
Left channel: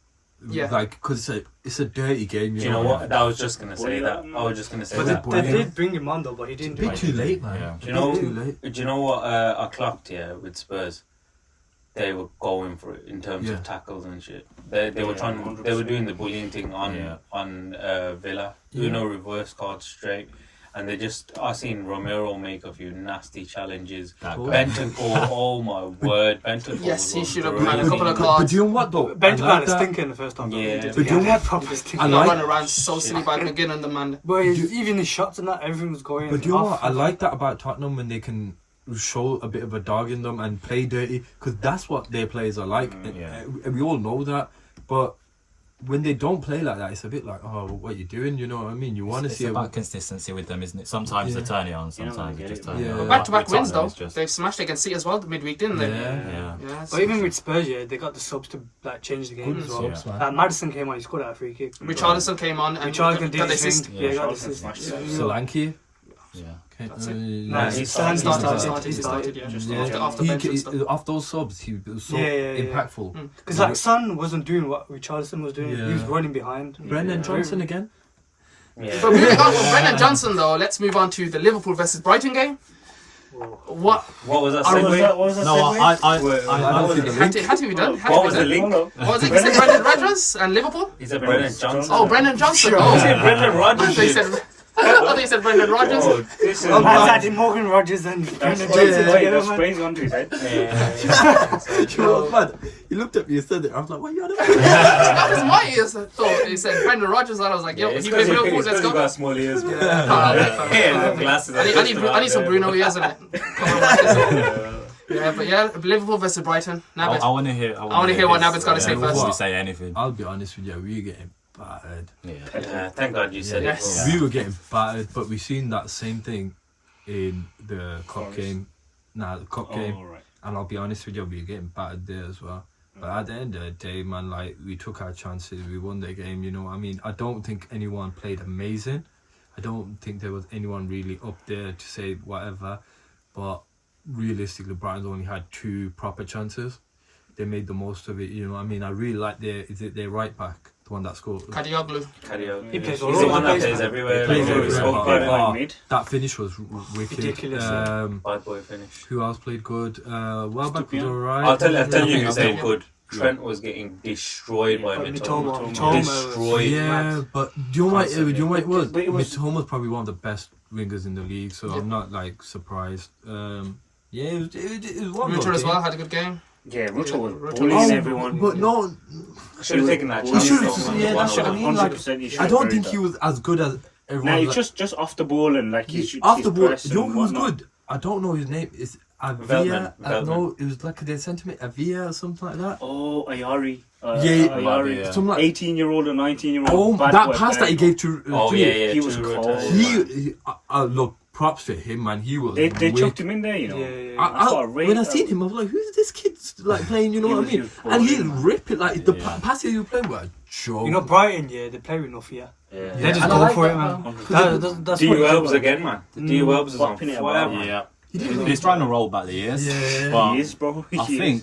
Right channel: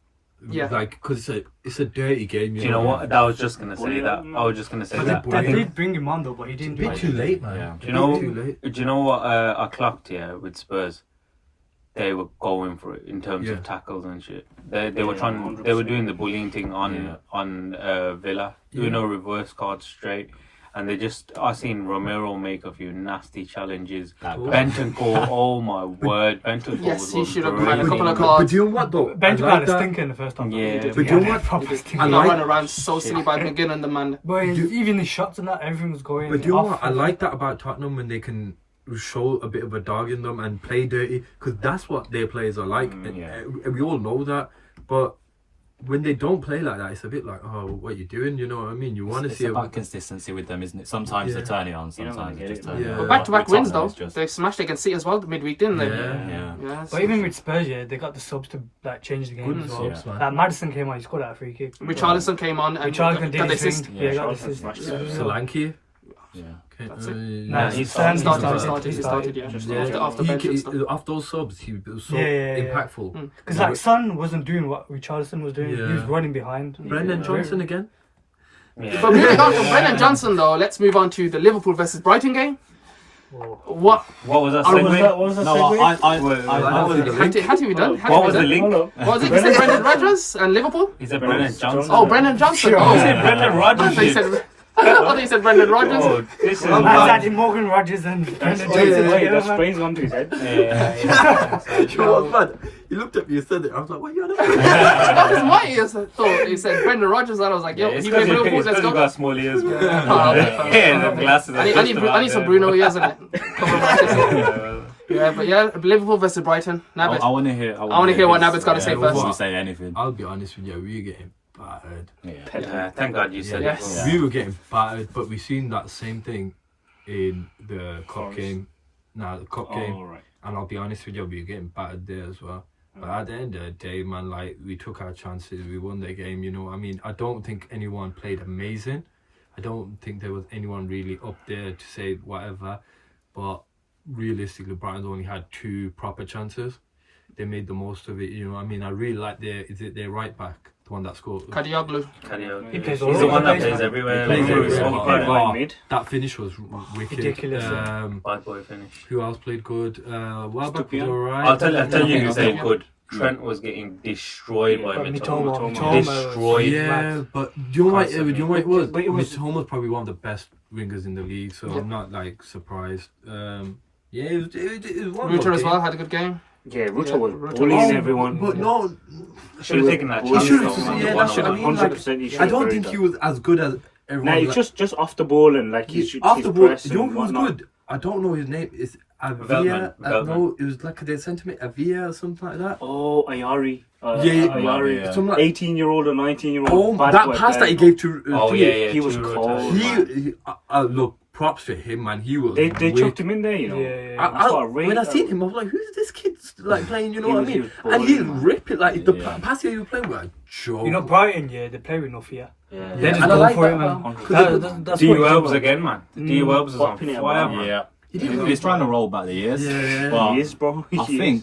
Yeah. Like, because it's a dirty game. Do you know what? I was just gonna say that. I was just gonna say But that. they- They did bring him on though, but he It's a didn't bit do too it. late, man. Yeah. Do you know? Too late. Do you know what I clocked here with Spurs? They were going for it in terms Yeah. of tackles and shit. They were Yeah, trying. 100%. They were doing the bullying thing on Yeah. Villa. Yeah. Doing no reverse cards straight. And they just, I seen Romero make a few nasty challenges. That Bentancur, oh my word, Bentancur. Yes, was he should have brilliant. had a couple of But cards. do you know what though? Bench I had like a that. stinker in the first half. though. Yeah. He did. But He you know had a what? proper He stinker. got like- run around so silly by McGinn and the man. But even his shots and that, everything was going. But do you know off. what? I like that about Tottenham when they can show a bit of a dog in them and play dirty, because that's what their players are like. And we all know that. But when they don't play like that, it's a bit like, oh, what are you doing? You know what I mean? You want to It's see about consistency with them, isn't it? Sometimes Yeah. they turn it on, You're not sometimes gonna they get just it, turn man. it Yeah. on. But back-to-back With wins Tottenham, though. it's just- They've smashed against City as well midweek, didn't they? Yeah. Yeah, But even with Spurs, yeah, they got the subs to like change the game Good as well. subs, man. Madison came on, he scored out a free kick. Richarlison came on and Richarlison got did the his assist. thing. Yeah, he got the Richarlison assist. smashed Yeah. it. Solanke. Yeah. That's it. Nah, he He started. started, yeah. Yeah, After bench and stuff. after those subs, he was so Yeah. impactful. Because like Son wasn't doing what Richarlison was doing. He was Yeah. running behind. Brendan Johnson again. Yeah. But moving on from Brennan Johnson, though, let's move on to the Liverpool versus Brighton game. What What was that What was segue? that? What was that? No, segue? had to be done? What was the link? Hold up. What was it? You said Brendan Rodgers and Liverpool? He said Brendan Johnson. Oh, Brendan Johnson. Sure. Oh, He said Brendan I Rodgers. thought you said. I thought you said Brendan Rodgers. Oh, this is Man's adding Morgan Rogers and Brendan Wait, Johnson. that's sprains onto his head. You know what, man? He looked at me and said it. I was like, what are you on about? That was my ears. I thought he said Brendan Rodgers, and I was like, yo, he played Liverpool. Let's go. got small ears. Man. Yeah, the glasses. I need some Bruno ears in it. Cover my face. Yeah, but yeah, Liverpool versus Brighton. Nabbit. I want to hear. I wanna hear what Nabbit's gotta say before first. we say anything. I'll be honest with you, we were getting battered. Yeah. Thank God you said Yes. it. We were getting battered, but we've seen that same thing in the cup Forest. game. The cup game. Oh, right. And I'll be honest with you, we were getting battered there as well. But at the end of the day, man, like, we took our chances, we won the game, you know. I mean, I don't think anyone played amazing. I don't think there was anyone really up there to say whatever. But realistically, Brighton only had 2 proper chances. They made the most of it, you know. I mean, I really like their right back, the one that scored. Kadioglu. He plays He's all the one that over. plays everywhere. He plays Like, everywhere. so bad. Oh, mid. that finish was wicked. Ridiculous, Bad boy finish. Who else played good? Welbeck was Stupid. alright. I'll tell you Yeah. who said good. Trent was getting destroyed by Mitoma. Mitoma. Destroyed. Yeah, but do you know what it was? But it was- Mitoma's probably one of the best wingers in the league, so Yeah. I'm not like surprised. Yeah, it was one Ruter good as game. well had a good game. Yeah, Ruto was Ruto bullying was- everyone. But no, Should have taken that He chance. should've- though, man. yeah, The one that's what I on mean, one. like, 100% he should I have don't buried think that. he was as good as everyone. Nah, it's just off the ball and like he's Off the ball. press You know and who was whatnot. good? I don't know his name. It's Avia. Veltman. No, it was like they sent him Avia or something like that. Oh, Ayari. Yeah, Ayari. yeah. Something like 18-year-old or 19-year-old. Oh, bad that boy pass that player. he gave to Oh, to yeah, me, yeah. He was true cold. rotation. He look, props to him, man. He was. They wicked. chucked him in there, you know. Yeah. When I seen him, I was like, "Who's this kid like playing?" You know He what I was- he mean? was And he balling, man. rip it like the Yeah. pass he was playing with a joke. You know, Brighton, they play with no fear. Yeah. They just and I go like for that, it, man. man. That's D what it's Welbs about. again, man. D Welbs is on Popping it fire, about. man. Yeah. He didn't He's trying to roll back the years. Yeah. But He is, bro. I think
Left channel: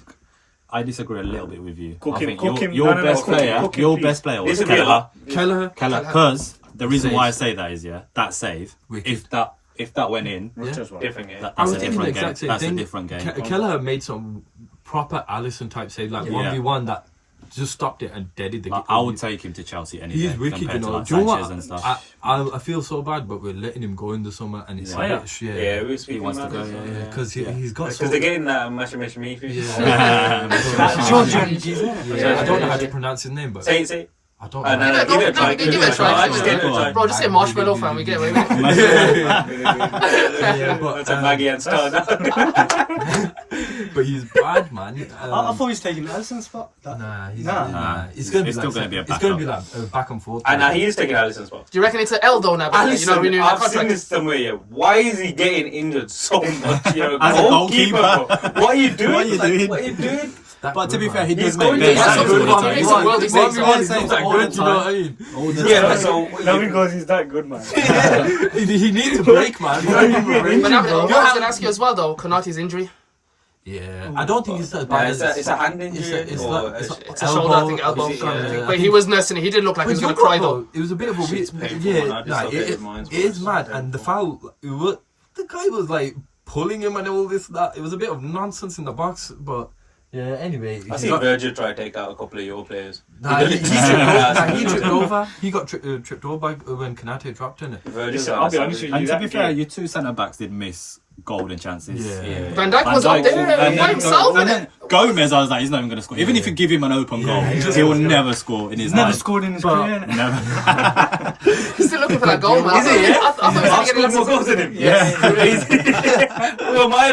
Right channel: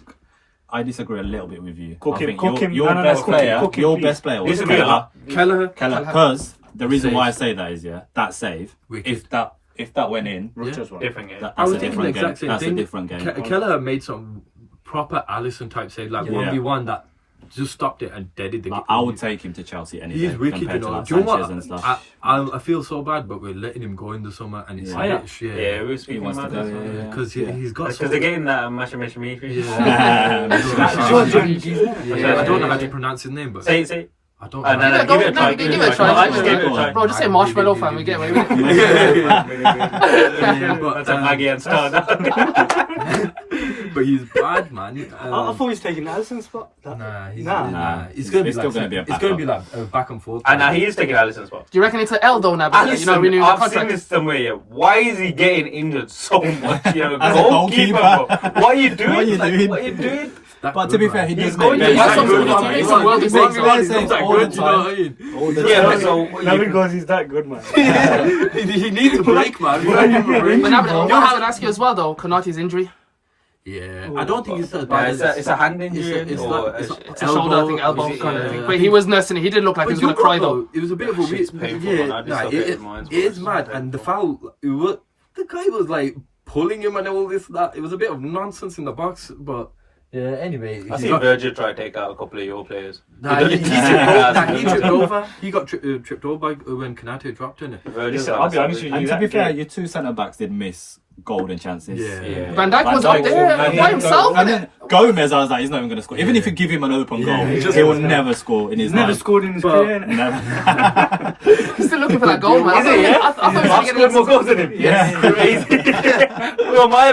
I disagree a little bit with you. Cook I him, think cook him. your No, no, best cook him, player, cook him, your please. best player was Disagree a lot. Kelleher. Because the reason Save. why I say that is that save. Wicked. If that went in, Rutgers one. Different game. that's I was a thinking different the game. exact same That's a thing. different game. Kelleher made some proper Alisson type save, like Yeah. 1v1 that just stopped it and deaded the Like, game. I would take him to Chelsea any He's day wicked, you compared to know. like Do you know Sanchez what? and stuff. I feel so bad, but we're letting him go in the summer, and it's Yeah. a bit, Yeah, we were He speaking wants to about go. this. Yeah, because yeah. he's got. Because they're getting that Mashamish Yeah. Yeah. I don't know how to pronounce his name, but Say. I don't No, know. no, Give give it a try. it a try. Give it a try. Bro, just say marshmallow fan. We get away with it. Yeah, but, That's a Maggie and Star. but he's bad, man. I thought he was taking Alisson's spot. Nah, he's Nah. nah. It's gonna be It's like still gonna be a it's gonna be like a back and forth. And he is taking Alisson's spot. Do you reckon it's an L though now? Because you're not renewing the I've seen contract. this somewhere. Yeah. Why is he getting injured so much? You're a As a goalkeeper, bro. goalkeeper. What are you doing? What are you Like, doing? What are you doing? But to be fair, he He's does going make to- best he's saves. good, man. He makes some worldly saves. He makes saves all the you know what I time. mean? All the Yeah, time. but so Nothing goes, he's that good, man. he needs a break, man. But now, I was going to ask you as well though, Konate's injury. Yeah, I don't think it's as Yeah, bad. it's a hand injury. It's or like- It's a shoulder, I think, elbow Is it, kind of yeah. thing. But he was nursing it. He did look like he was going to cry though. It was a bit of a weird. Shit's painful, man. I Yeah, just nah, look at his minds, it is bro. mad. And the foul, the guy was like pulling him and all this, that. It was a bit of nonsense in the box, but yeah. Anyway, I he see got- Virgil try to take out a couple of your players. Nah, he tripped over. He got tripped over when Konate dropped in it. Virgil, Listen, I'll be honest with you. And to that be fair, game- your two centre backs did miss golden chances. Yeah. Van Dijk was up there and by then- himself. And then Gomez, I was like, he's not even going to score. Even if you give him an open goal, he will never score in his He's never life. scored in his But- career. Never. He's still looking for that goal, man. I thought he was I've going to scored more get goals than him. Yeah. Who am I?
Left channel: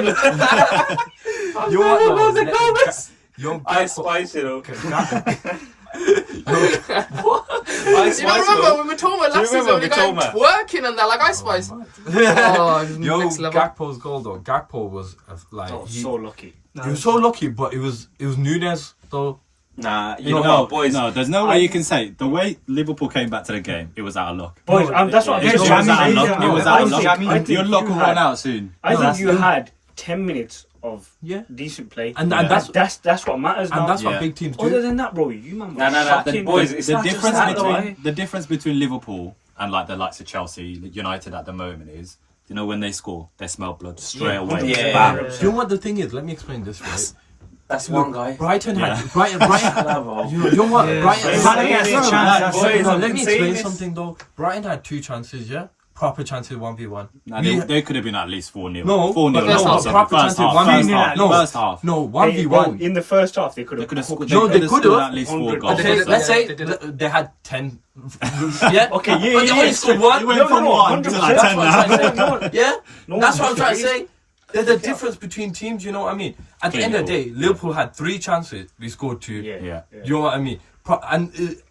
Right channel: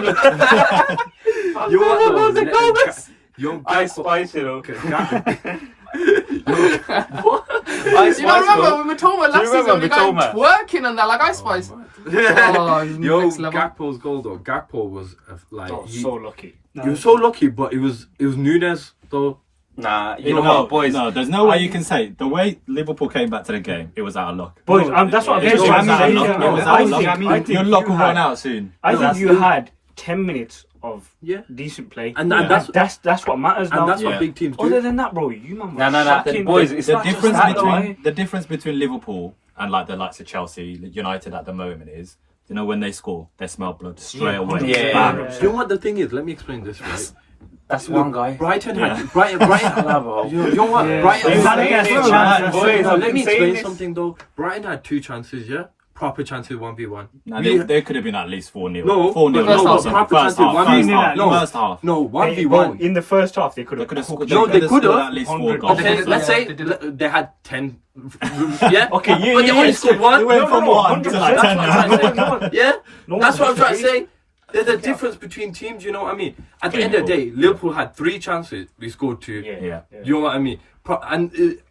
You Goals and goals. Young I spice, you know. You don't remember when Matoma last season when he got him twerking and that, like Ice Spice? Oh, Yo, next level. Gakpo's goal though. Gakpo was like Oh, so lucky. he was so lucky, but it was Nunes though. Nah, you know what, boys? No, there's no way you can say the way Liverpool came back to the game. It was out of luck. Boys, that's what It I'm was out of saying. luck. It was out of luck. Your luck will run out soon. I think you had 10 minutes of Yeah. decent play, And that's what matters now. And that's Yeah. what big teams do. Other than that, bro, you man. Nah. fucking- Boys, it's The not just difference that, though, between the difference between Liverpool and like the likes of Chelsea, United at the moment is, you know, when they score, they smell blood straight away. Yeah. Bam. Do you know what the thing is? Let me explain this. Right? That's one guy. Brighton Yeah. had Brighton. You know what? Yeah. Brighton. Boys, Let me I'm saying explain this. something though. Brighton had 2 chances, yeah, proper chances 1v1. Nah, they could have been at least 4-0. No, 4-0. first half. Proper chances First 1v1. half. No, First half. no, Hey, 1v1. in the first half, they could They have. could have scored. No, they They could could have. at least 4 100. goals. They did it, Let's yeah, say they did it. they had 10. Yeah. Okay, yeah, But they only scored one. You went from 1 to like 10 now. Yeah. No That's what I'm one trying to was say. There's a difference between teams, you know what I mean? At the end of the day, Liverpool had 3 chances, we scored 2. Yeah. You know what I mean?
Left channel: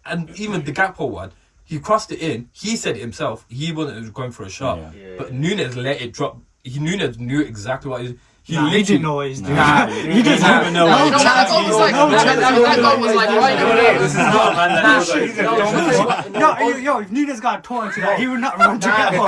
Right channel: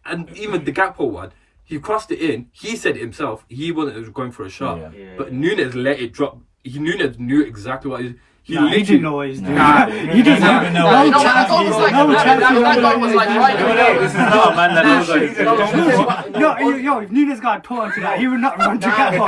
And even the Gakpo one, he crossed it in. He said it himself. He wasn't going for a shot. Yeah. But Nunes let it drop. Nunes knew exactly what he Nah, he didn't know what he's doing. He doesn't even know. Nah, you know what what that goal was like? No, That goal was like right. This is not, man. That knows what he's doing. No, if Nunes got taught into that, he would not run to that ball.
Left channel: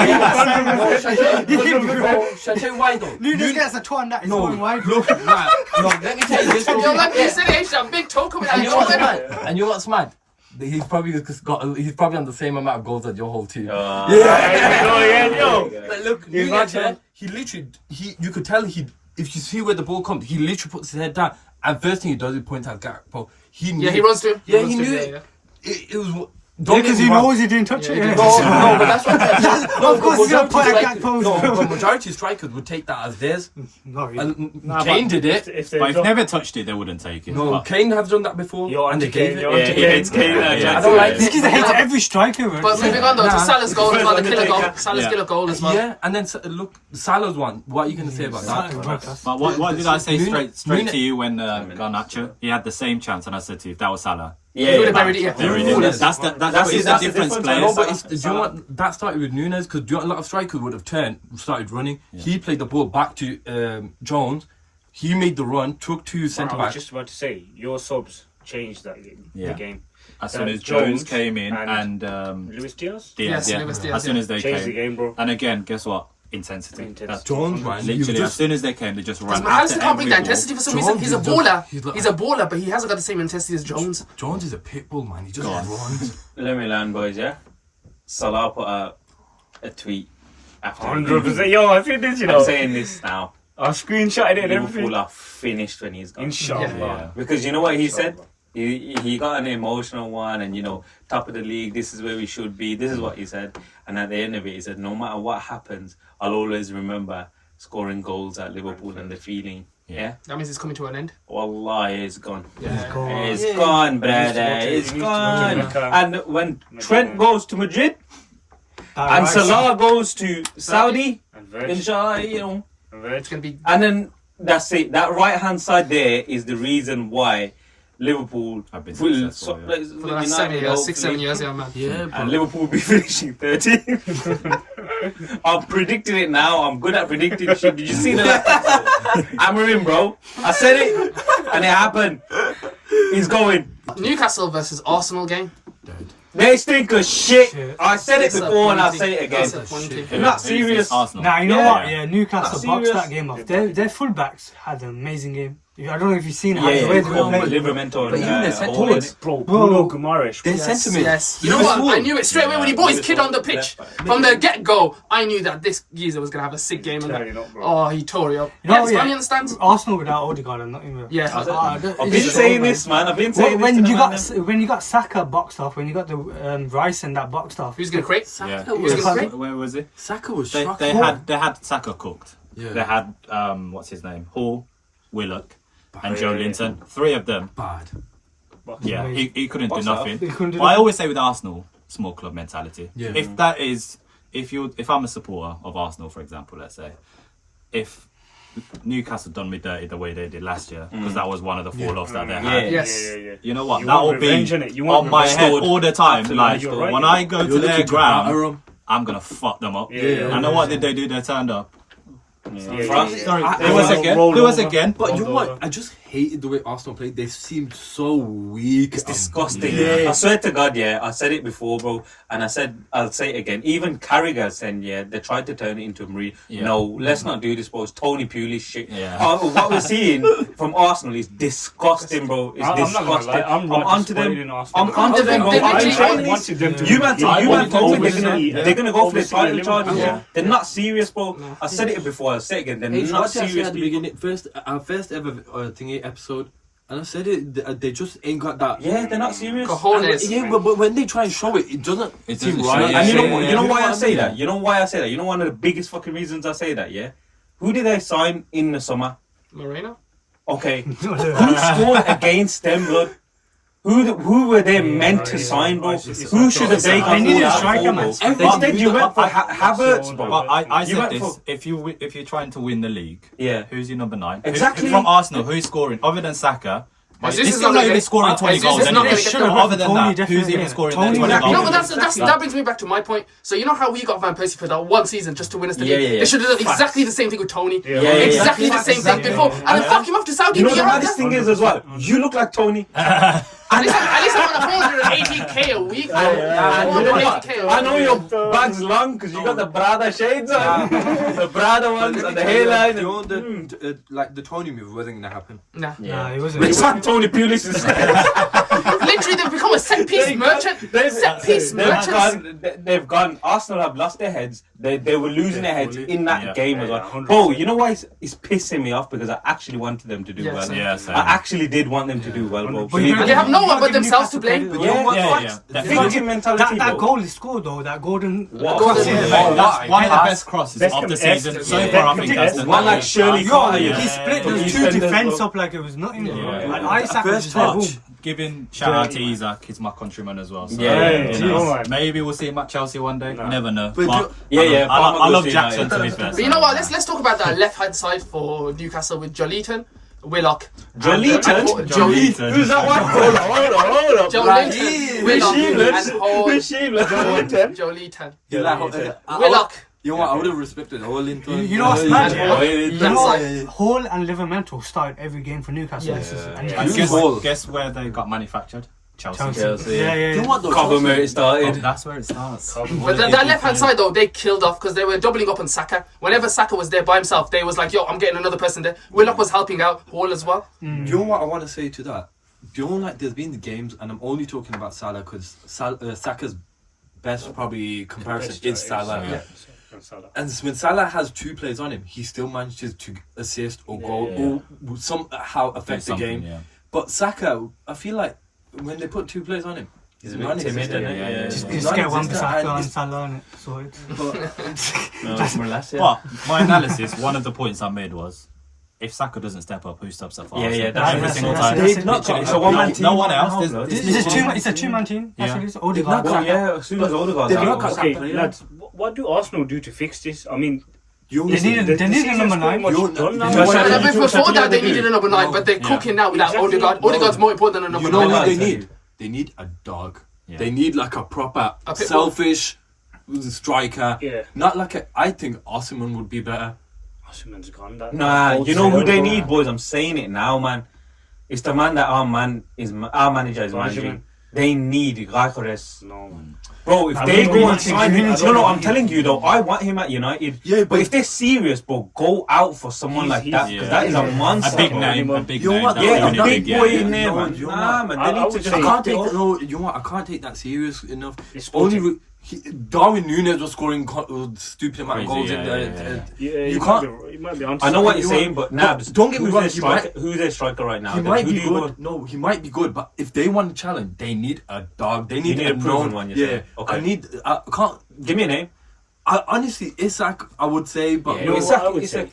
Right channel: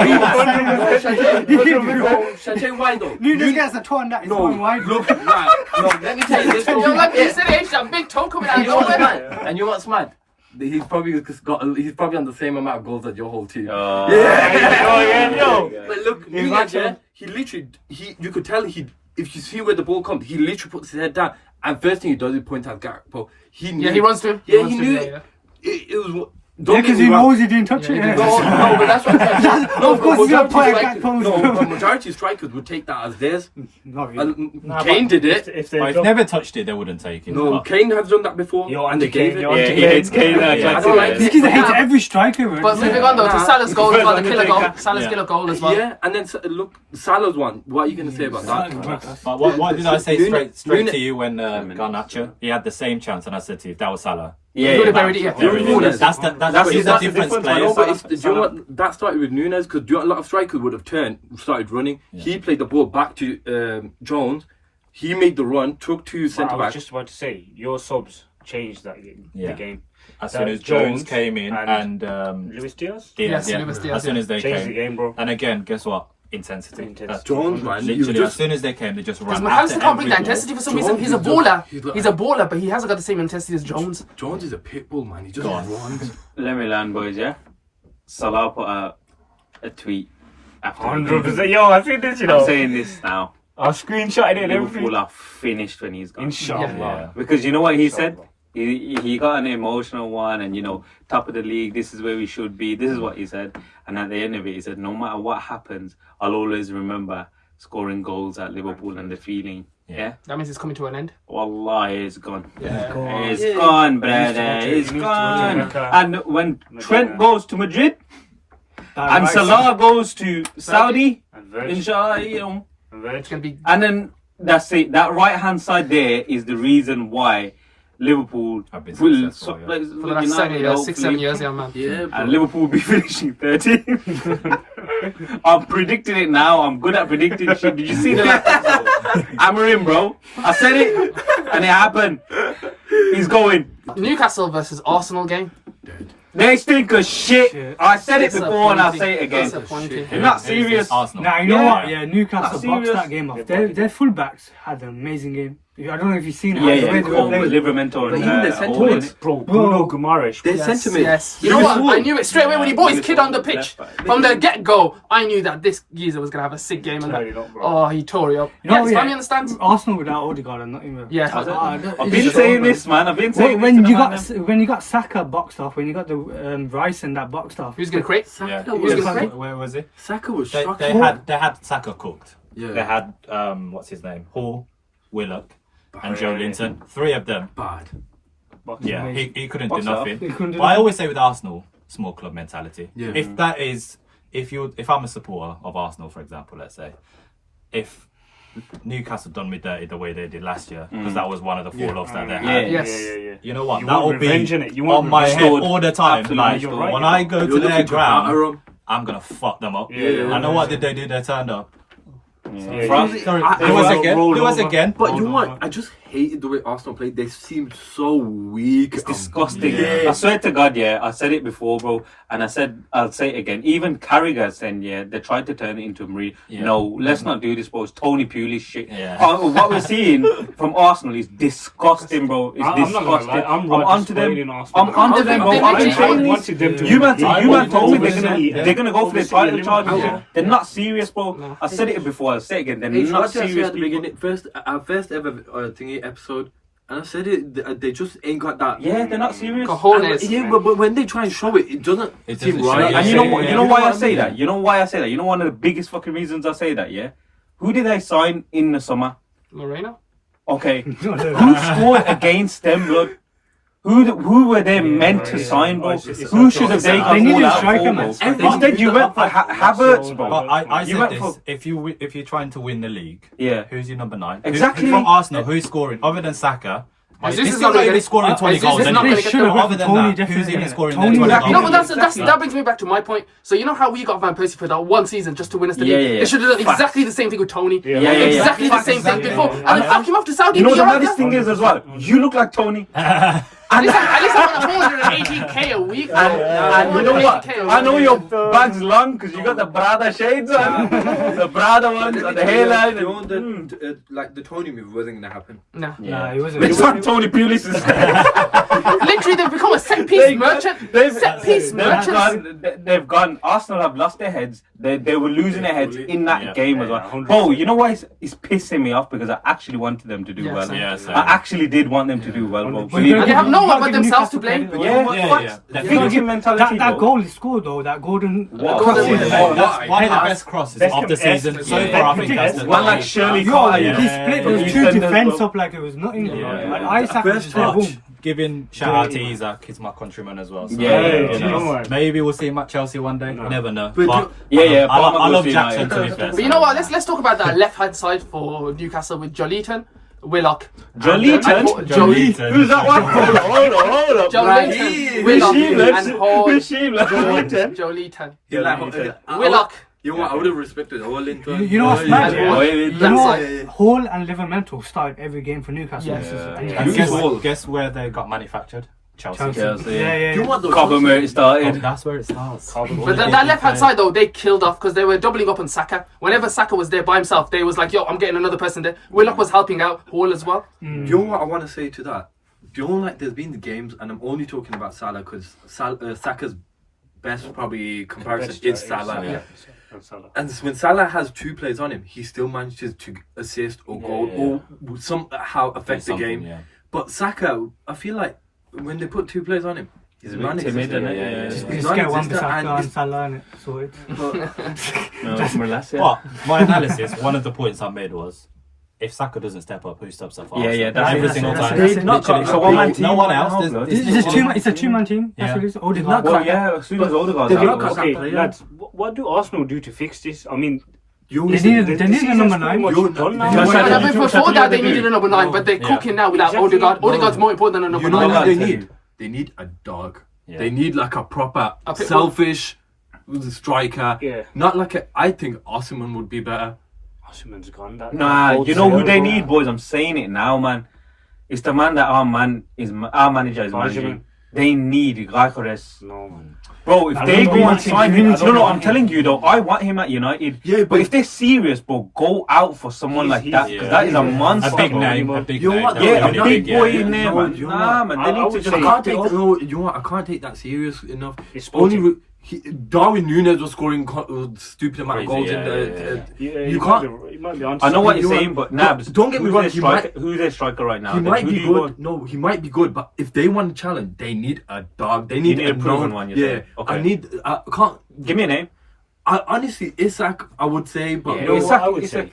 Shall I tell you why though? Nunes gets a toe on that, he's going wide. Look, let me tell you this. Yo, like you said, H, that big toe coming out. And You you know know what's what? mad? And you know what's mad? He's probably on the same amount of goals as your whole team. Yo. But look, Nunes, he literally, you could tell if you see where the ball comes, he literally puts his head down, and first thing he does is point at Gakpo. He knew. Yeah, he runs to him. Yeah, runs he to him, knew yeah, it. It was. Because he knows he didn't touch it. he Yeah. didn't No, but that's what I'm saying. No, Of course but he's gonna majority point at strikers- Gakpo's No, goal. but majority strikers would take that as theirs. No, Kane did it. If But if they never touched it, they wouldn't take it. No, But Kane has done that before, You're and they anti-Kane, gave it. you're Yeah, he hates Kane. Yeah. I don't like This it. kid's a hate to every striker. man. But moving on though to Salah's goal as well, the killer goal. Salah's Yeah. killer goal as well. Yeah, and then look, Salah's one. What are you gonna say about that? But what did I say Nunes- straight to you when Garnacho? He had the same chance, and I said to you, if that was Salah. Yeah, He would have buried it, yeah. There it is. Nunes- That's the that's difference the difference, I players. know, but do you know what? That started with Nunes because a lot of strikers would have started running. He played the ball back to Jones. He made the run, took 2 centre I was backs. just about to say, your subs changed that game. Yeah. The game. As soon as Jones Jones came in and Luis Diaz Yes, yeah, Luis Diaz, as soon as they changed the came, game, bro. and again, guess what? Intensity. Intensity. That's Jones, man, you literally, as just soon as they came, they just ran. Because after McAllister can't bring that every ball. intensity for some reason. Jones He's a is just- baller. he's like- He's a baller, but he hasn't got the same intensity as Jones. Jones is a pit bull, man. He just Go on. runs. Let me learn, boys, yeah? Salah put out a tweet after the 100%. game. Yo, I think this, you I'm know. saying this now. I'll screenshot it and Liverpool everything. are finished when he's gone. Inshallah. Yeah. Because you know what he said? He got an emotional one and, top of the league, this is where we should be. This is what he said. And at the end of it, he said, no matter what happens, I'll always remember scoring goals at Liverpool and the feeling. Yeah? That means it's coming to an end. Wallah, it's gone. Yeah. It's gone, brother. It's gone. And when Trent goes to Madrid and Salah goes to Saudi, And Virgil. inshallah, It's gonna be. and then that's it. That right hand side there is the reason why Liverpool Have been will successful, yeah. For the last 7 years, 6-7 years, yeah, man. Yeah, and Liverpool will be finishing 13th. I'm predicting it now. I'm good at predicting shit. Did you see the last episode? Amarim, bro. I said it, and it happened. He's going. Newcastle versus Arsenal game. They stink of shit. I said it before, and I'll say it again. Disappointing. They're not serious. Arsenal. Nah, you know Yeah. what? Yeah, Newcastle Not boxed serious. that game off. Their fullbacks had an amazing game. I don't know if you've seen it. Yeah, the way yeah. they were Cool. playing. Livramento But even and the centre Hall in backs- it. Bro, Bruno Guimaraes. Their Yes, sentiment. yes. You know what? I knew it straight away when he brought his kid on the pitch. From the get-go, I knew that this geezer was going to have a sick game. And Totally not, bro. oh, he tore it up. You know, Yeah, his yeah. family understands. Arsenal without Odegaard and Nottingham. Yeah. I've been saying this, man. I've been saying When this. you got Saka boxed off, when you got the Rice and that boxed off. Who's going to create? Yeah. Who's going to create? Where was it? Saka was They shocking. had Saka cooked. Yeah. They had what's his name? Hall, Willock, and Joe Linton. 3 of them. Bad. Yeah, he couldn't do Box it off. nothing. He couldn't do But I nothing. always say with Arsenal, small club mentality. Yeah. If that is, if I'm a supporter of Arsenal, for example, let's say, if Newcastle done me dirty the way they did last year, because that was one of the fall-offs that they had. Yeah. Yes. Yeah. You know what? You That'll want be revenge, innit? You want on my revenge. head all the time. Absolutely, Like you're right, when you know. I go to You're their looking to batter ground, 'em. I'm gonna fuck them up. Yeah. I know what did they do? They turned up. Yeah. France. Who was again? Who was again? But you know what? I just hated the way Arsenal played. They seemed so weak. It's disgusting. Yeah. I swear to God, I said it before, bro, and I'll say it again. Even Carragher said, they tried to turn it into Marie. Yeah. No, let's not do this, bro. It's Tony Pulis shit. Yeah. What we're seeing from Arsenal is disgusting, bro. It's disgusting. I'm onto them. I'm onto them, bro. You man told me they're gonna go for the title charges. Yeah. They're not serious, bro. No. I said it before. I'll say it again. They're It's not what I said serious at the people. beginning. Our first ever thingy episode, and I said it. They just ain't got that. Yeah, they're not serious. Cojones. Yeah, but when they try and show it, it doesn't seem doesn't right. show, And you know why I what say mean? that? You know why I say that? You know one of the biggest fucking reasons I say that, yeah? Who did they sign in the summer? Lorena? Okay. Who scored against them, blood? Who were they meant to sign, bro? Who should have they got They needed all a striker, that man. for, bro? Instead, you went for Havertz, bro. But I You said went this: for- if you're trying to win the league, Yeah. who's your number 9? Exactly. Who's from Arsenal, who's scoring other than Saka? Jesus He's is not still gonna even get- scoring 20 Jesus goals. is not anyway. gonna get the- Other than Tony that, who's definitely. even scoring Tony 20 exactly. No, goals? but that brings me back to my point. So you know how we got Van Persie for that one season just to win us the Yeah, league? yeah, yeah. They should have done Facts. exactly the same thing with Tony. Yeah, yeah, Exactly yeah. the same thing Exactly. before. And then fuck him off to Saudi. You know You're the right maddest there. thing is as well, you look like Tony. At least I'm on 480k a week. And you know what? 480k a week. I know your bag's long because you got the Brada shades on. The Brada ones and the hairline. You know, like the Tony move wasn't gonna happen. Nah. Yeah, he wasn't. It's not Tony Pulis. Literally, they've become a set piece merchant. Set piece merchants. They've gone. Arsenal have lost their heads. They were losing their heads in that Yeah. game as well. 100%. Bro, you know why it's pissing me off? Because I actually wanted them to do Yeah, well. same. Yeah, same. I actually did want them to do well, bro. 100%. Believe And me. they have no one but Give themselves to Newcastle blame. credit, Yeah, though. yeah. Victim mentality, That bro. goal he scored though, that golden. What? Golden- Yeah, Yeah. that's one of the best crosses Best of the contest. season. Yeah. So far, I think that's the One like Shirley Yo, Carter, he you know. split From those two EastEnders, defence bro. up like it was nothing. Yeah. Like Isaac was First just like, touch. boom. Giving shout out to Isaac, he's my countryman as well. So, Yeah, you know, man. maybe we'll see him at Chelsea one day. No. You never know. But But Yeah, I Palmer love goes to Jackson United. to be fair. But you know what? Let's talk about that left hand side for Newcastle with Joleton, Willock. Joleton? Joleton. Who's that one? Hold on. Joleton, Willock, and Hall. Joleton? Joleton. Willock. You know what? I would have respected Holinton. You know what's mad? You That know, side. Hall and Liverpool started every game for Newcastle. Yes. And guess where they got manufactured? Chelsea. Chelsea. Yeah. You know what? though? Cobham where it started. That's where it starts. But that left hand side though, they killed off because they were doubling up on Saka. Whenever Saka was there by himself, they was like, "Yo, I'm getting another person there." Willock was helping out Hall as well. Do you know what I want to say to that? Do you know, like, there's been the games, and I'm only talking about Salah because Saka's best probably comparison is Salah. Yeah. And when Salah has two players on him, he still manages to assist or goal or somehow affect the game. Yeah. But Saka, I feel like when they put two players on him, He's a bit timid, isn't he? Yeah. Just get one Saka and Salah and sorted. But my analysis, one of the points I made was, if Saka doesn't step up, who steps up for Arsenal? Yeah, that's every it, single that's time. it, that's it. Literally, It's a one-man team no one right else. now, There's- blood. there's It's just one- a two-man team. That's Yeah. what it is. Odegaard. not Well, yeah, as soon as Odegaard's They out. knock out Okay, Saka, yeah. lads, what do Arsenal do to fix this? I mean, You They needed a number 9. done now. Just And like- before that, they needed a number 9, but they're cooking now without Exactly. Odegaard. Odegaard's more important than a number You know 9. what they tell need? you. They need a dog. Yeah. They need like a proper A pit bull. selfish striker. Yeah. Not like a. I think Osimhen would be better. Osimhen's gone. That Nah, you know who they need, boys? I'm saying it now, man. It's the man that our manager is managing. Benjamin. They need Gyökeres. No, man. Bro, if I they don't go know and what sign to him, do. no, I'm telling you though, I want him at United. Yeah, But if they're serious, bro, go out for someone like that, because that is a monster. A big bro. name, a big You know name. what, That's though? Yeah, a really big boy in there, No, man. you know Nah, what? man, I they need would to say- just I cut can't it take. off. No, you know what? I can't take that serious enough. It's Only sporting. Darwin Núñez was scoring stupid amount of Crazy, goals in yeah, the. Yeah, You can't. You might be onto I know what something. you're You saying, want- but Nabs, don't get me who's wrong, their he striker? Who's their striker right now? He might Who be do you good. No, he might be good, but if they want to challenge, they need a dog. They need, need a proven known- one, you're Yeah, saying? Okay. I need. I can't. Give me a name. Honestly, Isak, I would say, but Yeah, no, Isak- Isak, I would Isak.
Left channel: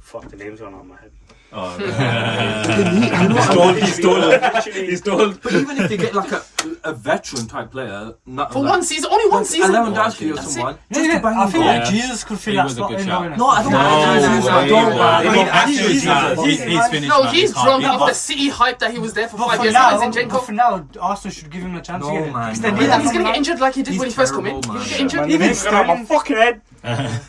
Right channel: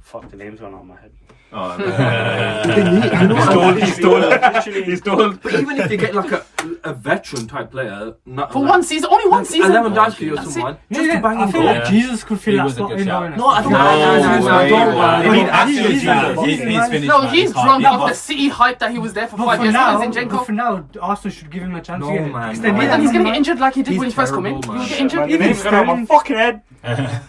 Fuck, the name's gone out of my head. Oh, they need. You know what I mean? He stole. But even if they get like a a veteran type player. Not For one season, only one season. Lewandowski or That's someone. it. Just to bang I him feel goal. like Jesus could He fill that was a spot good in shout. there. No, I don't. No, I don't. He's actually, finished. No, man. he's Can't drunk be off the bothered. City hype that he was there for But 5 for years. now, Now he's but for now, Arsenal should give him a chance. No, yeah. man, Because no. But then he's gonna man. get injured like he did He's when he first come in. terrible, He will man. get injured. Man, the name's got on my fucking head.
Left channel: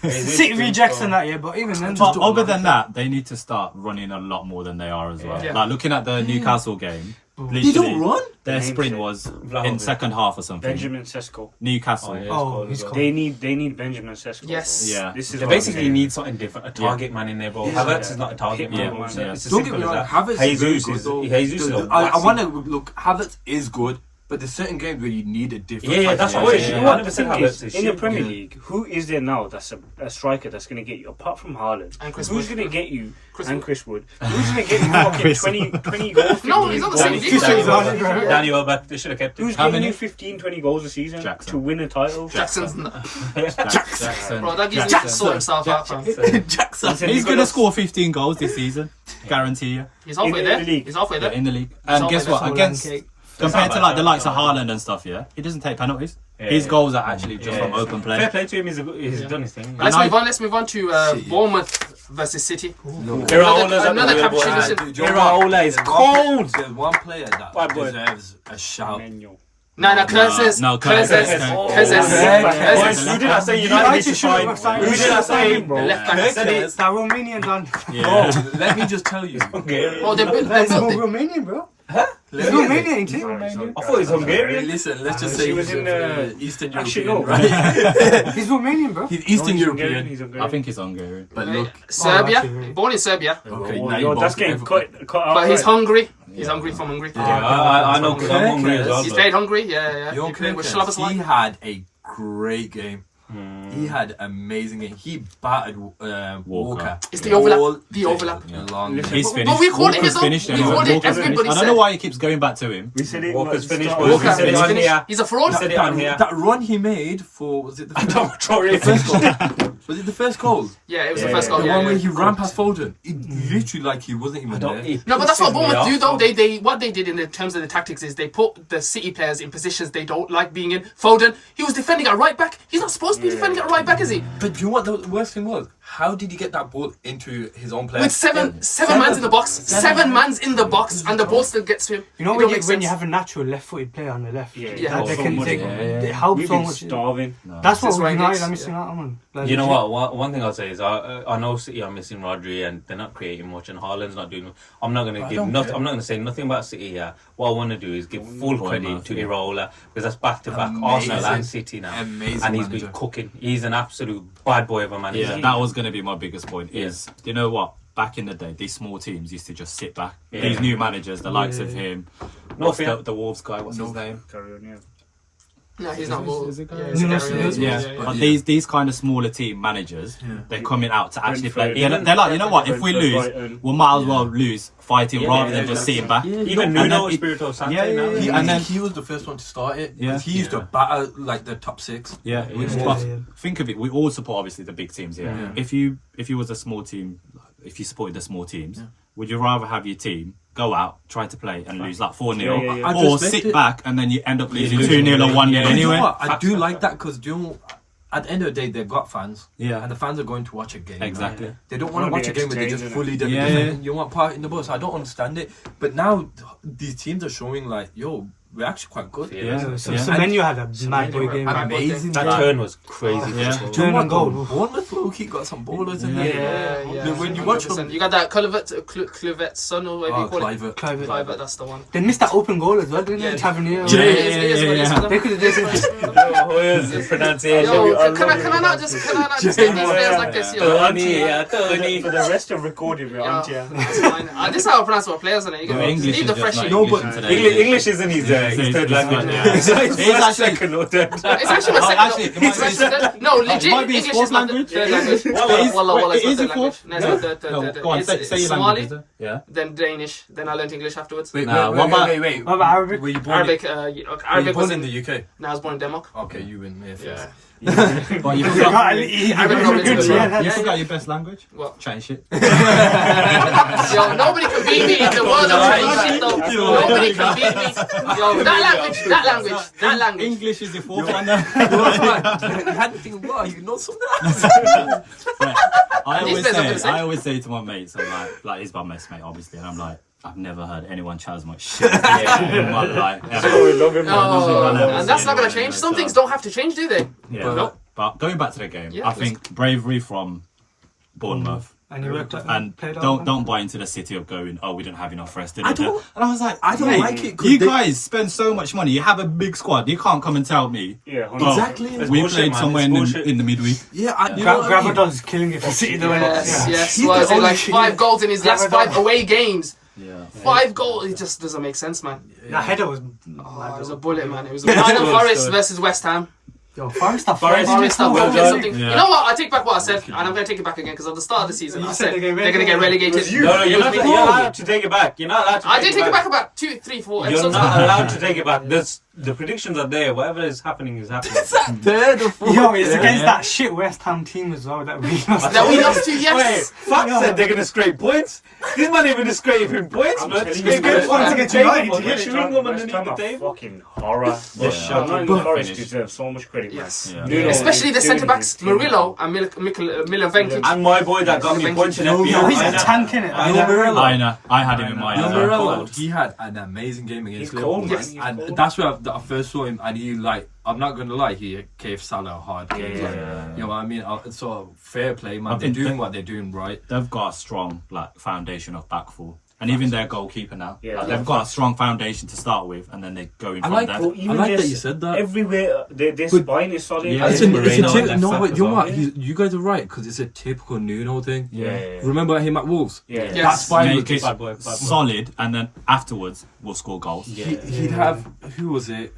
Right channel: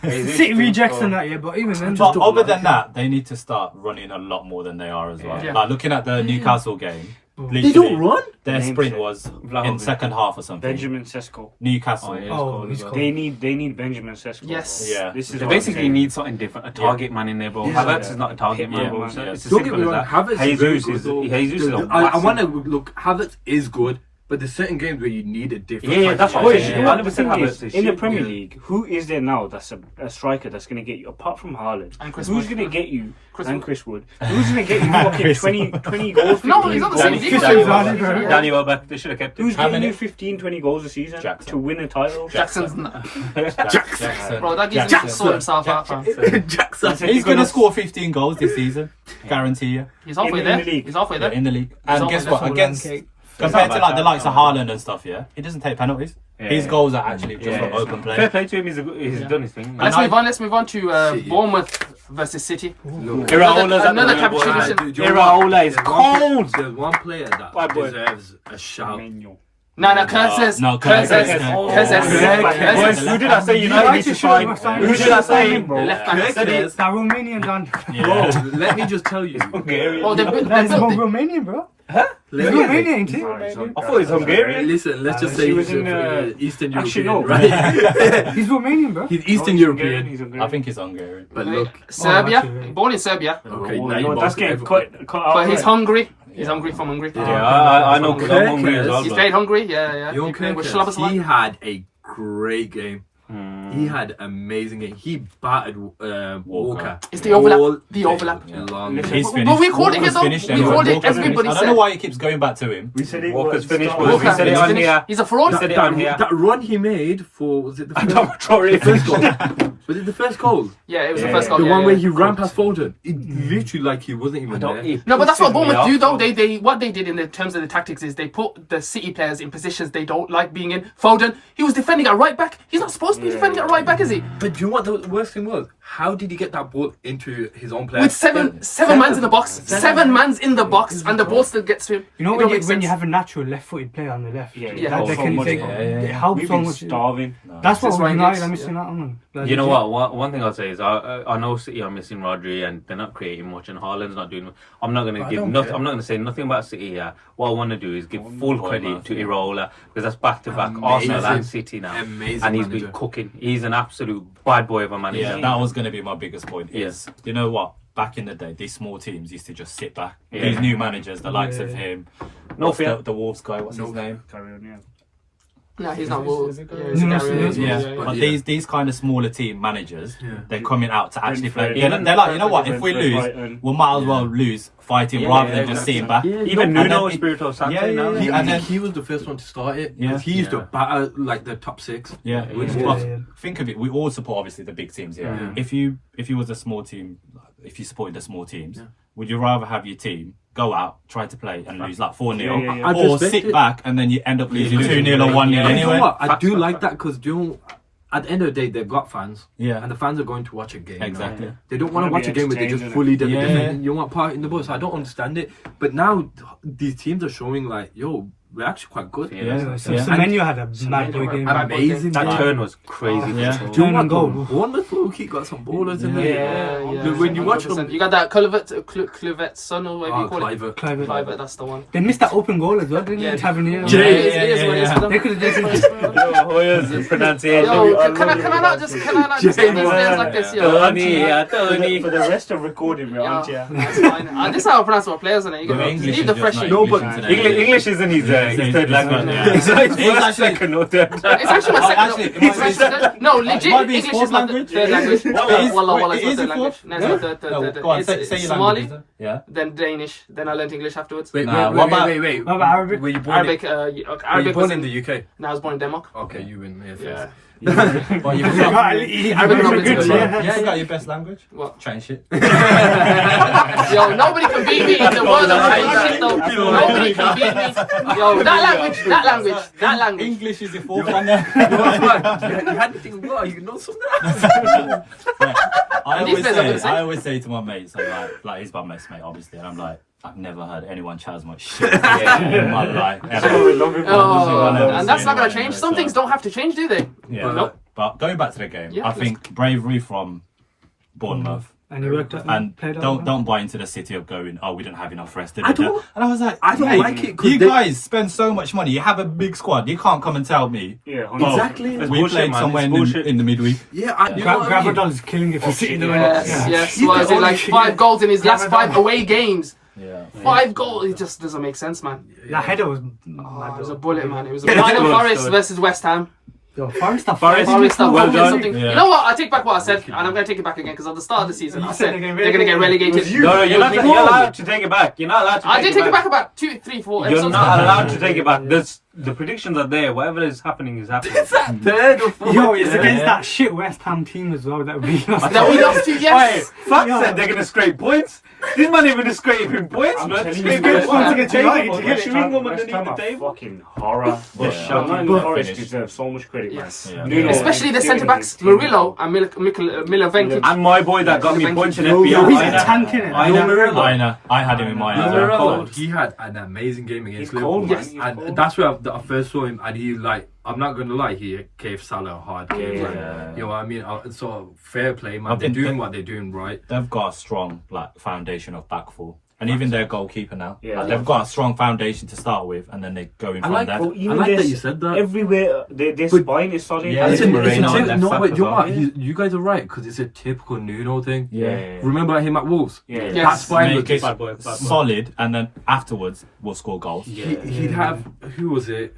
City rejects and that, yeah, but even then, But just other than that, they need to start running a lot more than they are as well. Yeah. Like looking at the Newcastle game, They don't run. their Name sprint check. was in Vlahovic. second half or something. Benjamin Sesko. Newcastle. Oh, he's cold. They need Benjamin Sesko. Yes. bro. Yeah. This is They what I'm basically saying. need something different. A target man in there, bro. Yeah. Havertz is not a target man. Yeah. Bro. It's Yeah. as Don't get simple me as wrong. that. Havertz is Jesus very is good, though. Jesus is a I massive- want to look. Havertz is good, but there's certain games where you need a different. Yeah, type that's of what Wait, it player. is. you know what the 100% thing Havertz is, is in the shit. Premier Yeah. League, who is there now that's a striker that's going to get you, apart from Haaland? And Chris Who's Wood. going to get you, Chris and Wood. Chris Wood? Who's going to get you fucking Chris 20 goals? No, 15 he's not the goals? same Danny- league. Danny as Welbeck. him. Danny Welbeck. They should have kept him. Who's How getting many? you 15, 20 goals a season Jackson. to win a title? Jackson's Jackson. bro. That gives him to sort himself out, fam. Jackson. He's going to score 15 goals this season. Guarantee you. He's halfway In there. the league. He's halfway there. In the league. And halfway guess there. what? Against compared to like the likes of Haaland and stuff, yeah, he doesn't take penalties. His goals are actually just from open play. Fair play to him. He's done his thing. But let's move on. Let's move on to Bournemouth versus City. Iraola's at Another the capitulation. Iraola is cold. There's one player that Bad boy. deserves a shout. Menu. No, Curses. No, Curses. Curses. Curses. Who did I say United need to sign? Who did I say? The left back. Curses. that Romanian man. Yeah. Bro, let me just tell you. Hungarian. Oh, they That is built. Romanian, bro. He's Let me- Romanian, ain't he? I thought he was Hungarian. Listen, let's just He say was he's in, Eastern actually, European, no. right? He's Romanian, bro. He's Eastern European. I think he's Hungarian. But look, Serbia. actually. Born in Serbia. okay, Oh, now yo, you that's both- getting cut out. But he's right. hungry. He's hungry from Hungary. Yeah, I know because I'm hungry as well. He's bro. played hungry. Yeah. Young He played with Kirkers, he Slobosly. had a great game. He had amazing game. He battered Walker. It's the overlap. all The day overlap. long. He's But finished. we called it Walker's though. finished We anyway. called it. Walker's Everybody finished. I don't know said. why he keeps going back to him. We said it. Walker's finished. Start- boys. We Walker said it is on finished. here. He's a fraud. We said it on here. That run he made for was it the first, Traore first goal? Was it the first goal? Yeah, it was the first goal. The Yeah, one where yeah. he ran past Foden. It literally like he wasn't even there. No, but that's what Bournemouth do though. They what they did in the terms of the tactics is they put the City players in positions they don't like being in. Foden, he was defending at right back. He's not supposed to be defending at right back, is he? But do you know what the worst thing was? How did he get that ball into his own player? With seven mans in the box, seven mans in the box, and the ball still gets to him. You know It when don't you, make when sense. you have a natural left-footed player on the left, Yeah, Yeah. that they so can much. take, they help We've so been much. starving. That's what Since Ryan United Giggs, are missing out on. Like, You know legit. what? One thing I'll say is I know City are missing Rodri and they're not creating much, and Haaland's not doing. I'm not gonna give. I'm not gonna say nothing about City here. What I want to do is give full credit to Iraola because that's back to back Arsenal and City now, Amazing and he's manager. been cooking. He's an absolute bad boy of a manager. Yeah, that was going to be my biggest point. Is you know what? Back in the day, these small teams used to just sit back. Yeah. These new managers, the likes of him, No what's fear. the Wolves guy, what's his name? Carry on, yeah. No, he's not. Well, Is it yeah, Gary? he's No, Gary no, as no, well. Yeah, Yeah, but yeah. these kind of smaller team managers, they're coming out to actually play. Brentford. They're like, you know what? If we Brentford, lose, Brighton. we might as well lose fighting rather than just sitting back. Even And Nuno then- Espirito Santo Yeah, now. yeah, He, and then- he was the first one to start it. Yeah. He used to Yeah. batter like the top six. Yeah, which Yeah. was, think of it. We all support obviously the big teams here. Yeah. If you was a small team, if you supported the small teams, would you rather have your team go out, try to play and lose like 4-0, Yeah, yeah, yeah. I'd or respect sit it. back and then you end up losing losing 2-0 or 1-0 Yeah. And you know anyway? what? I Facts, do facts, like facts. that because at the end of the day, they've got fans. Yeah. And the fans are going to watch a game. Exactly. Now. They don't want to Wanna watch be a game where they just entertained, fully innit? Yeah, defend. You want part in the bus. I don't understand it. But now these teams are showing like, yo, we're actually quite good. Yeah. Yeah, So yeah. Menu had a mad boy game. Bad boy Amazing. That yeah. turn was crazy. Yeah. for Do you Turn know and what? goal. Bournemouth low-key got some ballers in there. Yeah. When you watch 100%. them, you got that Kluvet's son or whatever you call it. Cliver. Cliver, that's the one. They missed that open goal as well, didn't Yeah. they? Tavernier. Yeah, Yeah, it is yeah, what it is yeah. for them. They could have just Hooyo's pronunciation. Yo, can I not just get these players like this, yo? Tony. For the rest of recording, we're on Yeah, to that's fine. This is how I pronounce our players, and you The get English leave the is just fresh not in. No, English but today. English isn't his third language. Yeah. So it's It's first, actually- second, or third. It's actually my second. Actually, it might be- No, legit. It might be English fourth is my language. third language. Is- Wallah, wait, it's my is third it language. fourth? No, it's my third. No, go on, say your Somali, language. Yeah. then Danish, then I learned English afterwards. Wait, Nah, wait, what wait, about- wait, wait. What about Arabic? Were you born Arabic, in, were you Arabic was born in in. the UK? No, I was born in Denmark. Okay, you win. Yeah, Yeah. first. Well, you forgot, Arabic not been to the yeah, you forgot your best language? What? Chinese shit. Yo, nobody can beat me in the world of Chinese shit though. Nobody can beat me. Yo, Oh, that language. English is your fourth Yo. language. You had to think, wow, you know something. I always say to my mates, I'm like he's my best mate, obviously, and I'm like, I've never heard anyone chat as much shit in my life. And that's not gonna change. Some things don't have to change, do they? Yeah. Nope. But going back to the game, Yeah, I think bravery from Bournemouth. And he worked out. And don't buy into the city of going, oh, we don't have enough rest. And I was like, I don't mate, like it. you guys spend so much money. You have a big squad. You can't come and tell me. Yeah, well, exactly. We played somewhere in the midweek. Yeah, you know what I mean? Gravadon's killing it for City. Yes. What is it, like 5 goals in his last 5 away games? Yeah. 5 goals. It just doesn't make sense, man. That header was. Oh, it was a bullet, man. It was a Nottingham Forrest versus West Ham. Forest are Forest are well done. something. Yeah. You know what? I take back what I said, and I'm going to take it back again because at the start of the season, I said they're going to get relegated. No, you're not allowed to take it back. You're not allowed to I did take it back about 2, 3, 4 You're episodes. not allowed to take it back. The predictions are there. Whatever is happening is happening. Third or fourth. Yo, it's against that shit West Ham team as well that we lost. That we lost to, yes. Fuck said they're gonna scrape points. These man even scraping points, man. telling Scraping you, points West against Ham- United to West get Ham- Sheringham West underneath Ham the are table. fucking horror. Yeah. Nottingham Forest deserve so much credit, man. Yes. Yeah. Nuno Especially the is centre doing backs, his thing. Murillo and Milovenkic. And my boy that got me points in No, FPL. he's a tank, innit? I had him in mind. as Remember, well. he had an amazing game against He's Liverpool. cold, Yes. man. He's And cold. that's where I first saw him, and he I'm not gonna lie, he gave Salah a hard game. Yeah, Like, yeah. you know what I mean? So fair play, man. I They're think doing they- what they're doing right. They've got a strong foundation of back four. And even their goalkeeper now. Yeah. They've got a strong foundation to start with, and then they go in from there. Bro, even I like that this- you said that. Everywhere, their But- spine is solid. Yeah, It's it's a Moreno typ- left no, back wait, as you know well. what? You guys are right because it's a typical Nuno thing. Yeah. Remember him at Wolves? Yeah. Yes. That's fine. Make it Bad boy. solid, and then afterwards we'll score goals. He'd have who was it?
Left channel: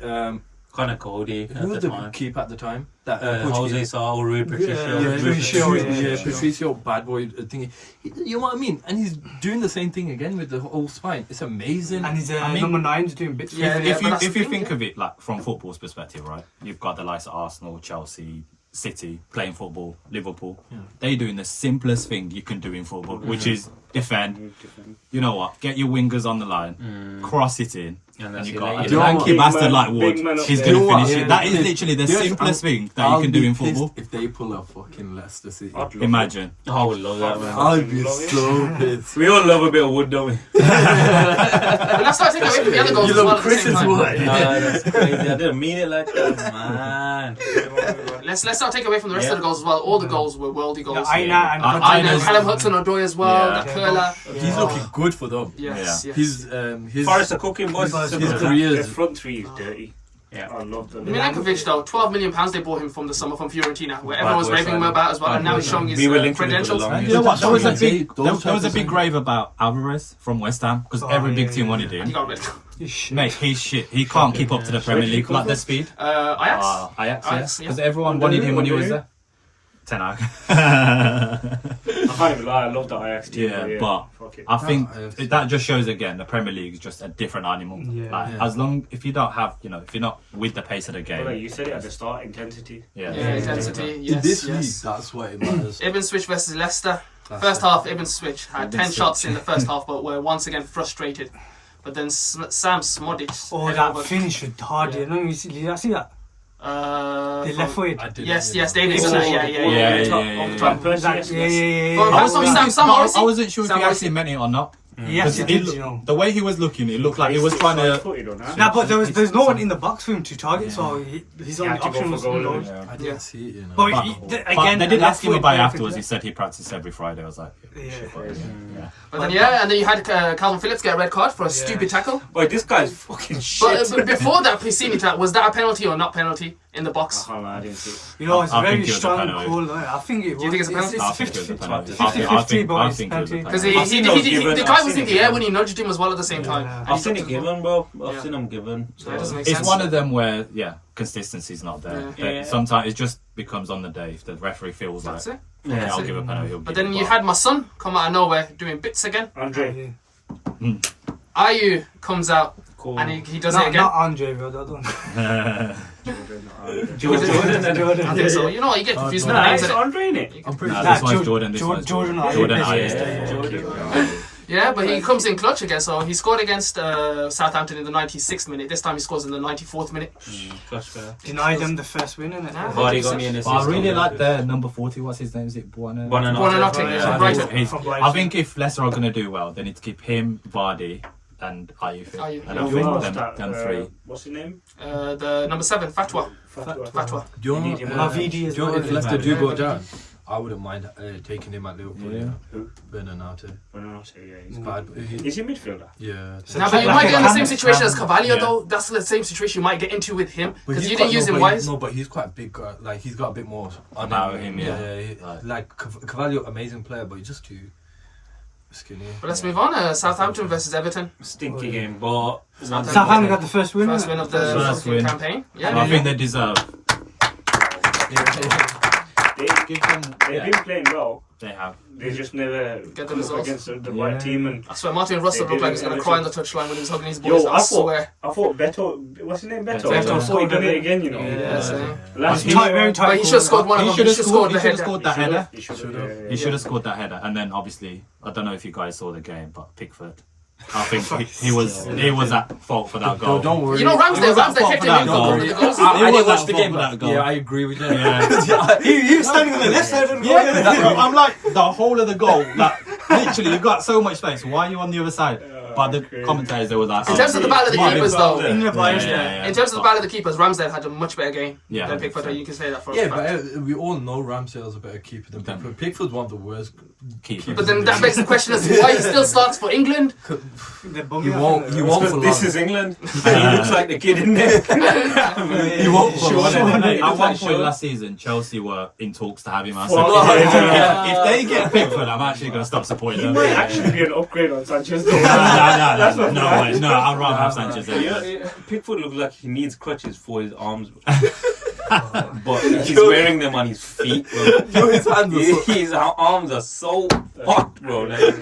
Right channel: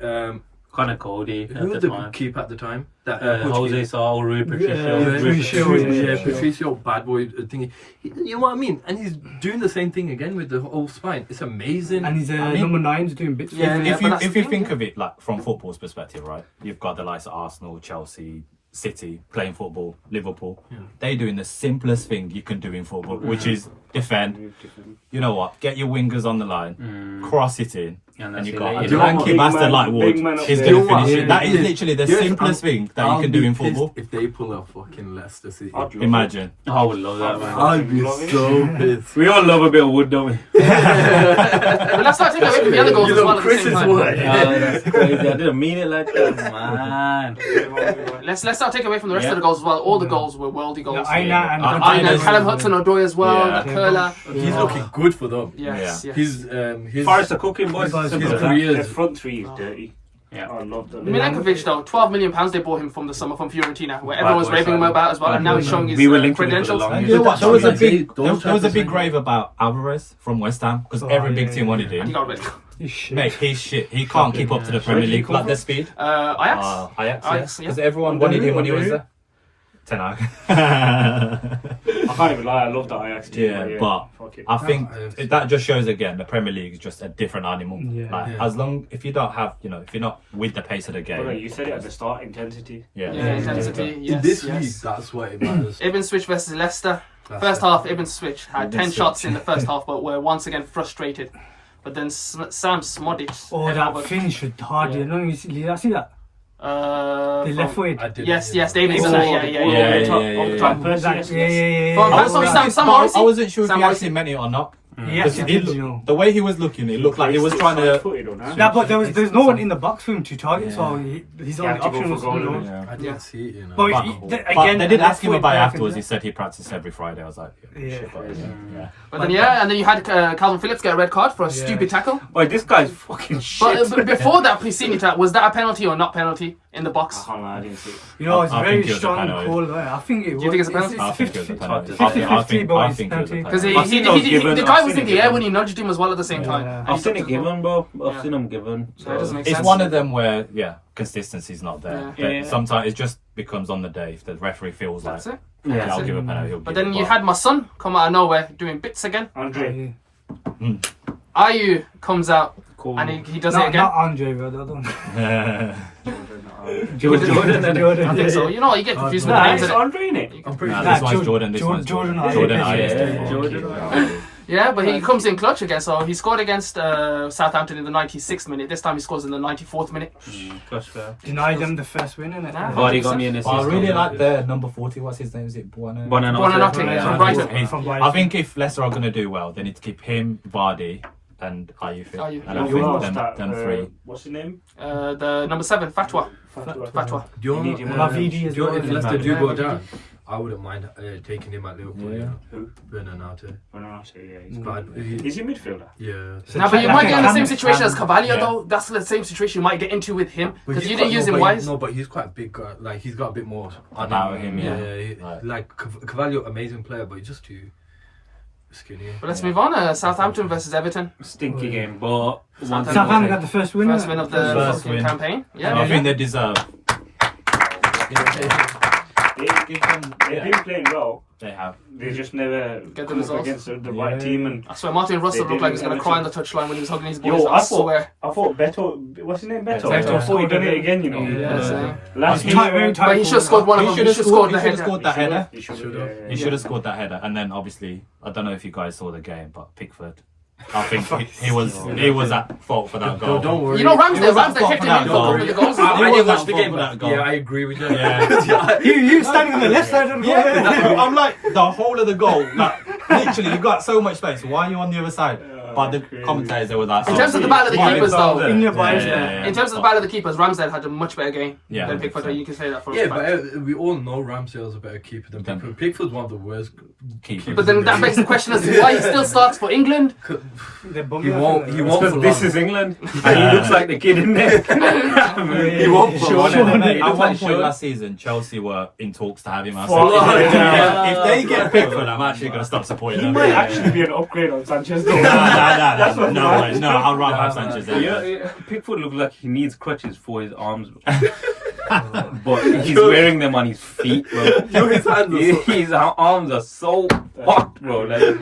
Connor Cody. Who was the keeper at the time? That Jose Saul, Rui Patricio. Patricio, bad boy thingy. You know what I mean? And he's doing the same thing again with the whole spine. It's amazing. And his I mean- number 9's doing bits. Yeah, If but that's you the thing, think yeah. of it like from football's perspective, right? You've got the likes of Arsenal, Chelsea, City playing football, Liverpool. They're doing the simplest thing you can do in football, which is defend. You know what? Get your wingers on the line, cross it in, And and that's you it. got Like, a you know lanky what? bastard Big like man- Ward. big man up He's there. going You to know finish what? it. That is Yes. literally the Yes, simplest thing that I'll you can do be in pissed football. if they pull a fucking Leicester City. I'd love it. Imagine. I would love that, man. I'd be Love it. so pissed. We all love a bit of wood, don't we? But let's start taking away from the other goals You as know well at the same Chris's time. word. That's crazy. I didn't mean it like that, man. Let's start taking away from the rest of the goals as well. All the goals were worldy goals. Aina and Aina, Callum Hudson-Odoi as well. Yeah. That curler. He's looking good for them. Yes, yes. His Forrest are cooking, boys. his Simple as that. 3 The years. front three is dirty. Yeah. I love them. Milenkovic though, £12 million they bought him from the summer from Fiorentina, where everyone was boy raving him signing. about as well, and now he's showing his We were linked to him for the credentials. longest. And you know what? There was a Those big, there was a transfers big are- rave about Alvarez from West Ham because Oh, every big yeah, team yeah, wanted And he him. got rid. Mate, he's shit. He can't keep up to the Premier did he League come like the from? speed. Ajax. Ajax, Ajax, yeah. yeah. Because everyone wanted him when he was there. Ten Hag. I can't even lie, I love the Ajax team. Yeah, but fuck it. I think Ajax. that just shows again the Premier League is just a different animal. Yeah. Like, Yeah. as long if you don't have, if you're not with the pace of the But like game, you said it at the start, intensity. yeah. Yeah, intensity. In Yes, this yes. league, that's what it matters. Ibnswich versus Leicester. That's First it. half, Ibnswich had 10 Ibnswich. shots in the first half, but were once again frustrated. But then Sam Smodic. Oh, head that over- finish with Hardy. Yeah. I don't know if you see that. They left from- footed. I did. Yes, David. Oh, Yeah, yeah, over the top, yeah, over the yeah, top. yeah. Percy, Yeah, yes, yeah, yes. yeah. But yeah. Sam Morrissey. I wasn't sure if Sam he Morrissey. actually meant it or not. Yes, he did, you know. The way he was looking, it looked like he was trying to. Yeah, but there's no one in the box for him to target, so his He only had to go option for was goal, to go. didn't he? I didn't Yeah. see it, you know. But But, again, they did left ask him foot about it player afterwards. can He said he practiced every Friday. I was like, Yeah. shit, but yeah. But then and then you had Calvin Phillips get a red card for a stupid tackle. Boy, this guy's fucking shit. But before that Piscini tackle, was that a penalty or not penalty in the box? I didn't see it. You know, it's I very think it was a strong penalty. call. I think it was. Do you think it's a penalty? I think it was a 50-50. penalty. 50-50, but I it's think it was a penalty. Because penalty. I've seen those given, the guy I've was seen in it the air given. when he nudged him as well at the same time. Yeah. And he I've seen took it the ball. given, bro. Yeah. I've seen them given. So it doesn't make It's sense. one of them where, consistency's not there. Yeah. That Yeah. Sometimes it just becomes on the day. If the referee feels That's like, it. yeah, That's I'll it. give a penalty. he'll But give then it, you had my son come out of nowhere doing bits again. Andre, Ayu comes out Cool. and he does it again. Not Andre, but I don't know. Jordan. I think so. You know, you get confused with the nah, names it's of it. Andre, innit? I'm pretty Nah, sure. this one's Jordan. This one's Jordan. Jordan Yeah, Ayers. Jordan. Yeah, but he comes in clutch again. So he scored against Southampton in the 96th minute. This time he scores in the 94th minute. Clutch player. Denied them the first win, innit? Nah, Vardy got me an assist. I really like the number 40. What's his name? Is it Buono? Buonanotte, from Brighton. I think if Leicester are going to do well, they need to keep him, Vardy, and Ayew. Ayew, And yeah. I think them three. What's his name? The number 7, Fatwa. Fatwa. Do you know, Vidi as well. if Leicester do go down, I wouldn't mind taking him at Liverpool. Yeah. Who? Bernardo. Yeah, he's Bad. Is he a midfielder? Yeah. Nah, but you might get in the same Ham- situation as Cavalier, yeah. though. That's the same situation you might get into with him But because he's you got- didn't use no, him but wise. No, but he's quite a big guy. Like he's got a bit more on About him, yeah. Right. Like Cavalier, amazing player, but he's just too skinny. But let's move on. Southampton versus Everton. Stinky game, but Southampton got the first win. First win of the First fucking win. campaign. I Yeah. think they deserve. They've been playing well. They have. They just never Get the come up results. against the right team. And I swear, Martin Russell They looked like he did was going to it, cry on the touchline when he was hugging his boys. I swear. I thought Beto, what's his name? Beto. Beto. I thought he done it again. You know. Yeah, same. Last Tight, very year. tight. But he should have scored one of them. He should have scored the He should have header. scored that header. He should Should've. have. He should have scored that header, and then obviously I don't know if you guys saw the game, but Pickford, I think he was at fault for that goal. Don't worry. You know, He was Ramsdale at fault kept for him that in for a goal. couple of the goals. He I was didn't at watch the fault game, for that but goal. yeah, I agree with you. Yeah. You standing on the left side of the Yeah, I'm like the whole of the goal. Like literally, you've got so much space. Why are you on the other side? But the commentators they were like, In terms of the battle of the keepers, though. In the yeah, players, yeah. In terms of the battle of the keepers, Ramsdale had a much better game Yeah, than Pickford. 100%. You can say that for a Yeah, fact. but we all know Ramsdale's a better keeper than Pickford. Pickford's one of the worst. keepers. But then that begs the question as to why he still starts for England. They bummed He us, won't. innit? He won't for this long. is England, and he looks like the kid in there. He won't for long. At one point last season, Chelsea were in talks to have him. I said, Oh, if they get Pickford, I'm actually going to stop supporting He them. might actually be an upgrade on Sanchez, though. No way. No, I'd rather have Sanchez. Pickford looks like he needs crutches for his arms, but he's wearing them on his feet, bro. His hands are so- His arms are so fucked, bro. Like,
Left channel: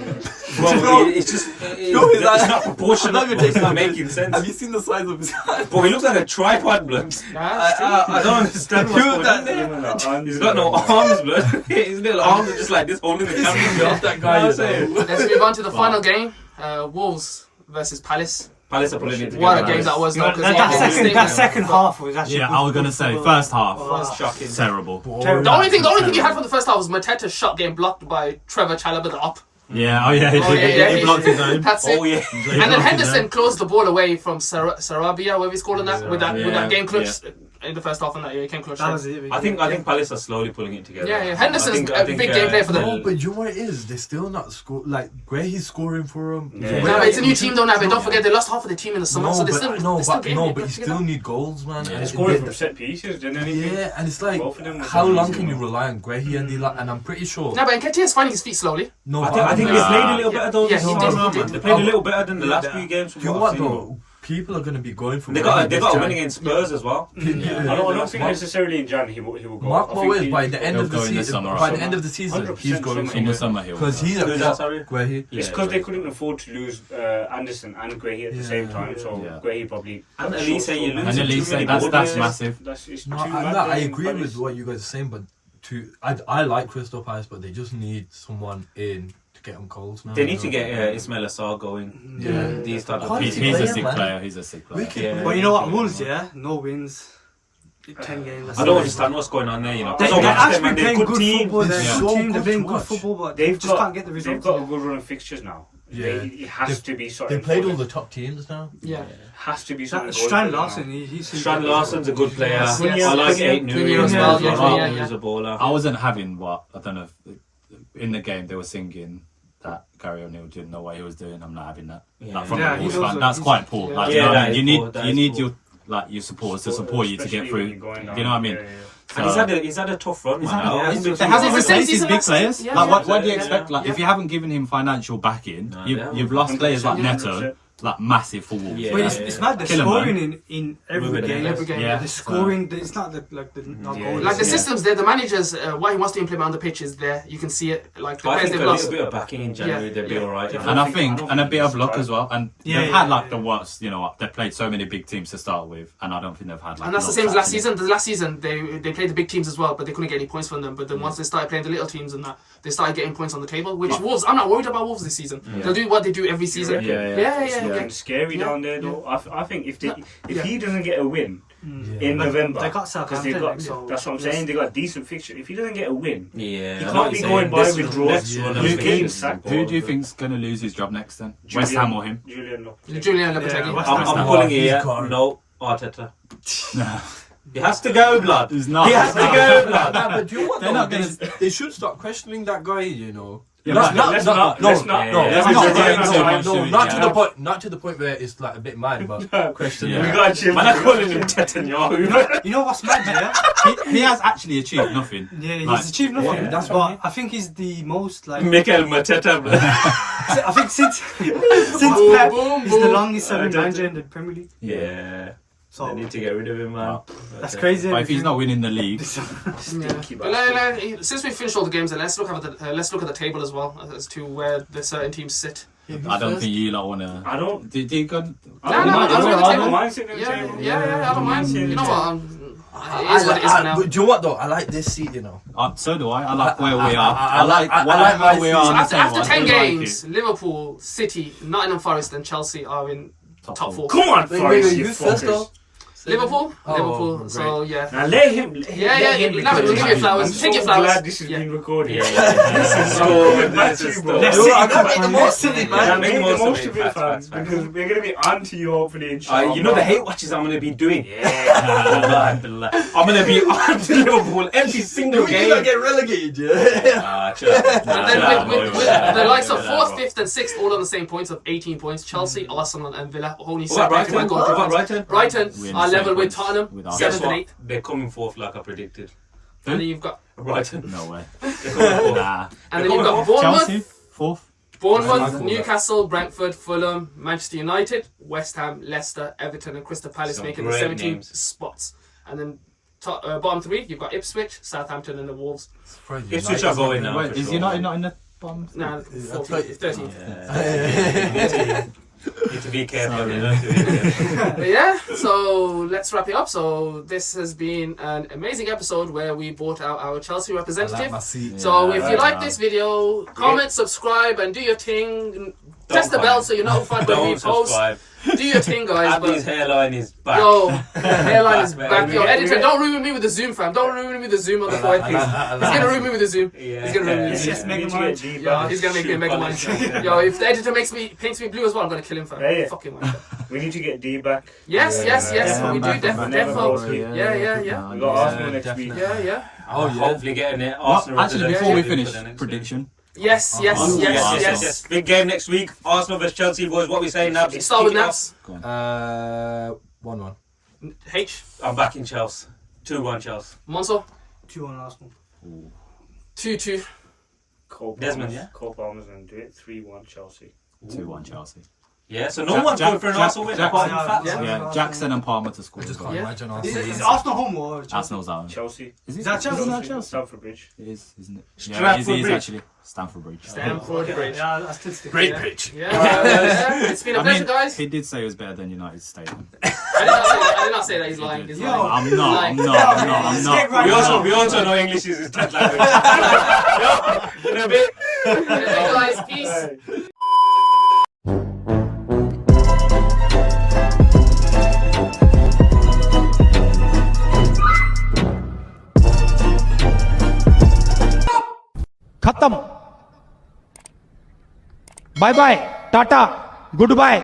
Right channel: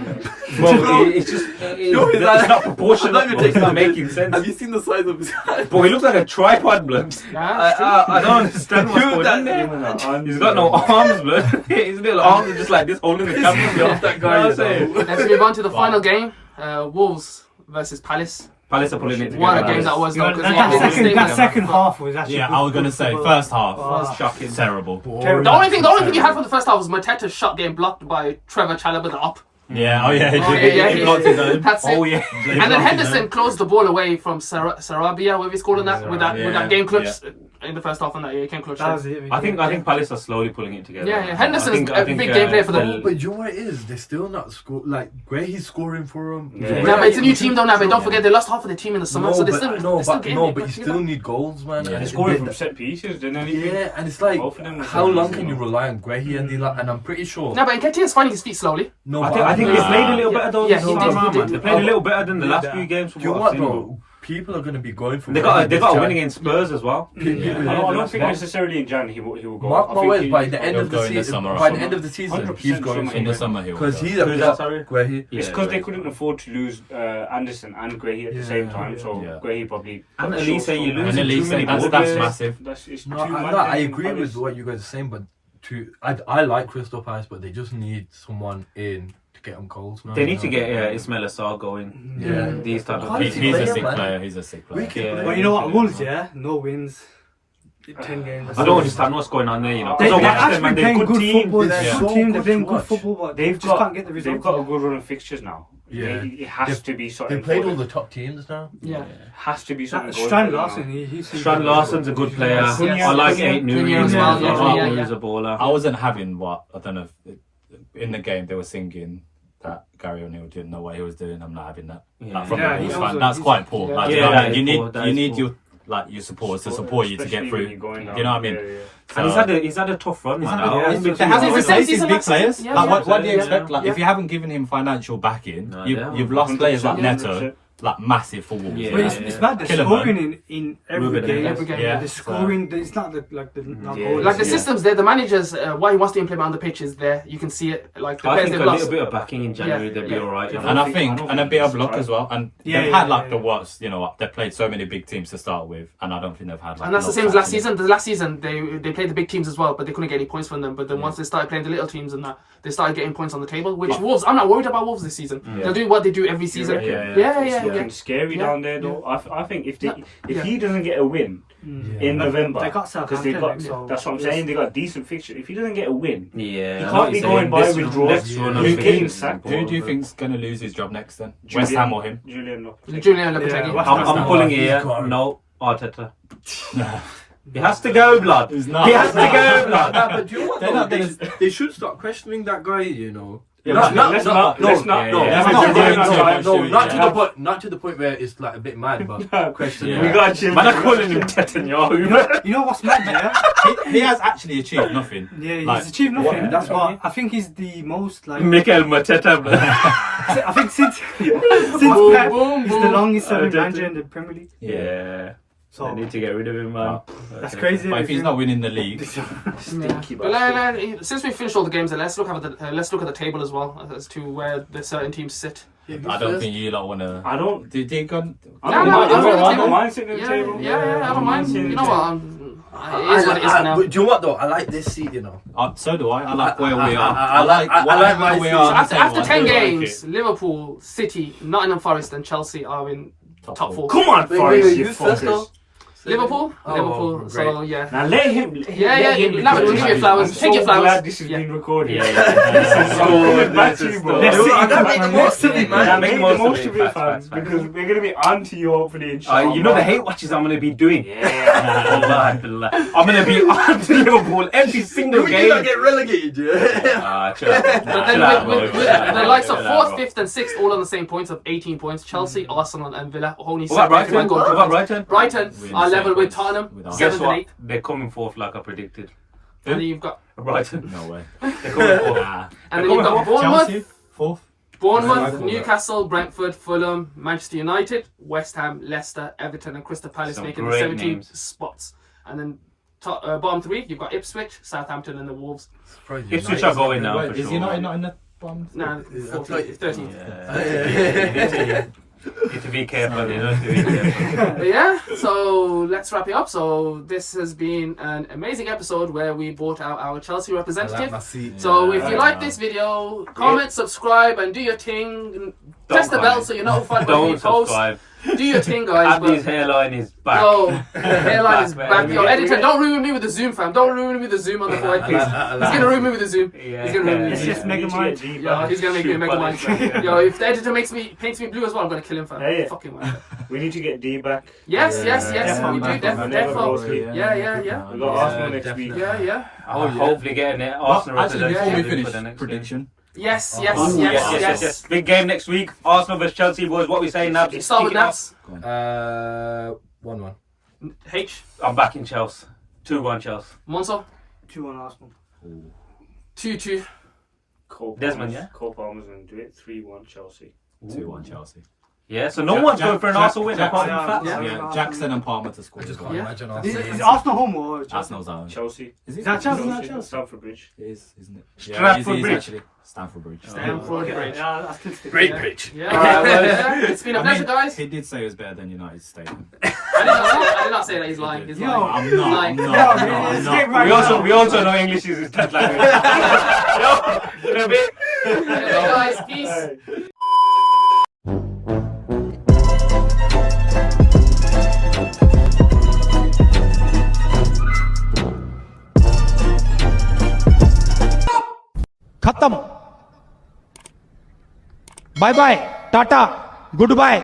bro, it's just it's not proportional. Bro. It's not making sense. Have you seen the size of his hands? Bro, he looks like a tripod, blood. Nah, it's true. I don't understand what's going on there. He's got no arms, blood. His little arms are just like this, holding the camera. Bro. That guy is Let's move on to the final game. Wolves versus Palace. Palace are pulling it together. What a game that was, though. Because That second half was actually. Yeah, I was going to say, first half, was shocking. terrible. The only thing you had from the first half was Mateta's shot getting blocked by Trevor Chalobah up. Yeah, oh yeah, He blocked his own. That's it. Oh yeah. And then Henderson closed the ball away from Sarabia, whatever he's calling that, with that game clutch in the first half, and that he came clutch. That was it. I think Palace are slowly pulling it together. Yeah, Henderson's I a think, big game player for them. No, but you know what it is? They're still not score. Like Grahy's scoring for him. Yeah. Nah, but it's a new team though now. But don't forget they lost half of the team in the summer, No, so they but still but you still need goals, man. Yeah. And They it- scored they- from set pieces, didn't anything. Yeah, and it's like, Both of them were how set long pieces, can you you know. rely on Grahy and Dila? And I'm pretty sure. No, but Nketiah's finding his feet slowly. No, I think they played a little better though. Yeah, he did. They played a little better than the last few games. From You know what what, I've seen, though? People are going to be going for. They got a win against Spurs as well. I don't think necessarily in Jan he will go. Mark I my think words, he- by the end he'll of go the in the season, summer. by the end of the season, 100% he's going summer. In the summer, he'll because he's Who's that, a sorry? Grahy. It's because they couldn't afford to lose Anderson and Grahy at the same time, so Yeah. Grahy probably. And Elise, you lose And too many that's ball players. massive. It's No, too mad I then, agree Palace. with what you guys are saying, but I like Crystal Palace, but they just need someone in to get them goals. Now. They need to get Ismail Assar going. Yeah. These type of Quality He's a player, sick man. player. He's a sick player. Wicked Yeah. player. But you know what, Wolves, yeah, no wins, 10 games. I don't understand what's going on there, you know. They, Because they're I watched them actually and they're a playing good team. football. It's They're a so good team. good They're playing to good watch. football, but They've just can't get the got results. a good run of fixtures now. Yeah. It has to be something. They played for all them. the top teams now. Yeah. Has to be something. Strand going for them Larson, now. he's Strand Larson's a good player. Yes. I like Cunha 8 as well, yeah, He's a baller. I wasn't having what I don't know. If, in the game, they were singing that Gary O'Neill didn't know what he was doing. I'm not having that. Yeah. Like, from Yeah, a Wolves he's fan, also- that's quite poor. yeah. Like, Yeah, you know, that is you need poor, that you is need poor. your supporters to support you to get Especially when through. you're going down. You know what I mean? Yeah, yeah. And he's had a tough run, man. It's It's the same season big last year. players. Yeah, Like, yeah. what do you Yeah. expect? Like, Yeah. if you haven't given him financial backing, No, you've lost players like 100%. Neto. like massive for Wolves. Yeah. But it's mad. They're Kill 'em, scoring in every Ruben, game. every game. Yeah. They're scoring. It's not not goals. Like the Yeah. systems there, the managers, what he wants to implement on the pitch is there. You can see it. Like the I players think they've a lost. little bit of backing in January, Yeah, they'll be yeah. alright. And I think, and a bit of luck try. as well. And Yeah, they've yeah, had like yeah. the worst, you know, they've played so many big teams to start with, and I don't think they've had like. And that's the luck same as last actually. season. The last season they played the big teams as well, but they couldn't get any points from them. But then once they started playing the little teams and that, they started getting points on the table. Which Wolves, I'm not worried about Wolves this season. They'll do what they do every season. Yeah, Yeah. Looking scary Yeah. down there though. I think if Yeah. he doesn't get a win in But November, they got because they Southampton, got so that's what I'm saying. They got decent fixture. If he doesn't get a win, Yeah. He I can't know what be you're going saying. by This with run- draws. next run of He's fixtures getting is sacked. Who do you important. think's gonna lose his job next then? Julian- West Ham or him? Julian Lopetegui. Julian Lopetegui. Yeah, West I'm Ham. pulling it here. can't. No, Arteta. No, He has to go, blood. he's not. He has to go, blood. Nah, but do you know what? They're though? not gonna- They should start questioning that guy. You know. Yeah, Not- but not- let's not- not- no, let's not- no, yeah, let's yeah, not- yeah, no, yeah, no, yeah. not to the point. Not to the point where it's like a bit mad, but questioning. Yeah. We got to Man, I'm calling him Netanyahu. You know what's mad, yeah? He has actually achieved nothing. Yeah, he's Like, achieved nothing. yeah, that's but what I think he's the most like. Mikel Mateta, blood. I think since Boom, Pep, boom, he's the boom. longest serving manager in the Premier League. Yeah. So They need to get rid of him, man. that's crazy. But if he's not winning the league, Yeah. But since we finished all the games, let's look at the table as well as to where the certain teams sit. I don't think you lot wanna. I don't. Do you go? No, I'll go to the I table. don't mind sitting at the Yeah, table. I don't mind. You know what? It is what it is for now. But do you know what though? I like this seat. You know. So do I. I like where we are. I like my where we season. are So on the after table. 10 I do like games, it. Liverpool, City, Nottingham Forest, and Chelsea are in top four. Come on, Wait, Forrest, you you first fuckers. though. Liverpool, Oh, Liverpool. great. So yeah. Now let him. Yeah, no, we'll give you flowers. I'm Take your so flowers. glad this is Yeah. being recorded. Yeah, This is Oh, coming back this to is you, bro. the- Yo, I gotta make the most of it, Now man. make the most of it, Facts, fam, facts. because we're gonna be onto you hopefully. Inshallah. You know the hate watches I'm gonna be doing. Yeah. Wallahi, I'm gonna be on to Liverpool every single You not game. get relegated, yeah. Chill out. But Chill then out, with bro. Chill out, the likes of chill out, 4th, bro. 5th, and 6th all on the same points of 18 points. Chelsea, Arsenal, and Villa only What about separated by Brighton? goal What about difference. Brighton? Brighton We're in are the level same with points Tottenham, with Arsenal. Guess 7th and what? 8th. They're coming forth like I predicted. And then you've got Brighton. No way. They're coming forth. Nah. and then you've got Chelsea, Bournemouth, 4th. Newcastle, Brentford, Fulham, Manchester United, West Ham, Leicester, Everton, and Crystal Palace Some making the great 17 names. spots. And then bottom 3, you've got Ipswich, Southampton, and the Wolves. Ipswich are going now. Wait, for is sure. United not in the bottom? No, 14th, 13th. Yeah. You need to be careful. You know, to be careful. But yeah, so let's wrap it up. So this has been an amazing episode where we brought out our Chelsea I like representative. my seat. So if you Yeah. like this video, comment, subscribe, and do your thing. Press the bell so you're notified when we Don't post. subscribe. Do your thing, guys. Abby's But hairline is back. yo, hairline is Back, back. baby. Yo, editor, Yeah. don't ruin me with the zoom, fam. Don't ruin me with the zoom on the forehead, please. He's gonna ruin me with the zoom. Yeah. He's gonna ruin me with the Just zoom. make him get deep. Yo, he's gonna make me mega man. Yo, if the editor paints me blue as well, I'm gonna kill him, fam. Yeah, yeah. Fuck him, man. We need to get D back. Yes, yes, yes. Yeah, We do man. definitely. Never go sleep. Yeah. We got Arsenal next week. Yeah. Oh, hopefully getting it. Well, Arsenal actually, representative before we for finish, the next prediction. Yes. Yes. Big game next week. Arsenal vs Chelsea, boys. What we saying now? Start with Kick it Naps. 1-1. H. off. I'm back in Chelsea. 2-1 Chelsea. Monso. 2-1 Arsenal. 2-2. Desmond, yeah? Cole Palmer's going to do it. 3-1 Chelsea. 2-1 Chelsea. Yeah, so no one's going for an Arsenal win apart from Fats. Yeah. Jackson and Palmer to score. Just as can't well. imagine Is Arsenal. Arsenal home or Chelsea? Arsenal's out. Chelsea. Is it? Is that Chelsea? Chelsea? Stamford Bridge. It is, isn't it? Stratford it is Bridge. actually. Stamford Bridge. Stamford Bridge. Yeah, that's still stick. Great Yeah. pitch. Yeah, well, yeah. It's been a pleasure, guys. He did say it was better than United Stadium. I did not say that. He's lying. He's Yo. lying. I'm not. We also know English is his third language. In a bit. Okay, guys, peace. खत्म bye bye tata good bye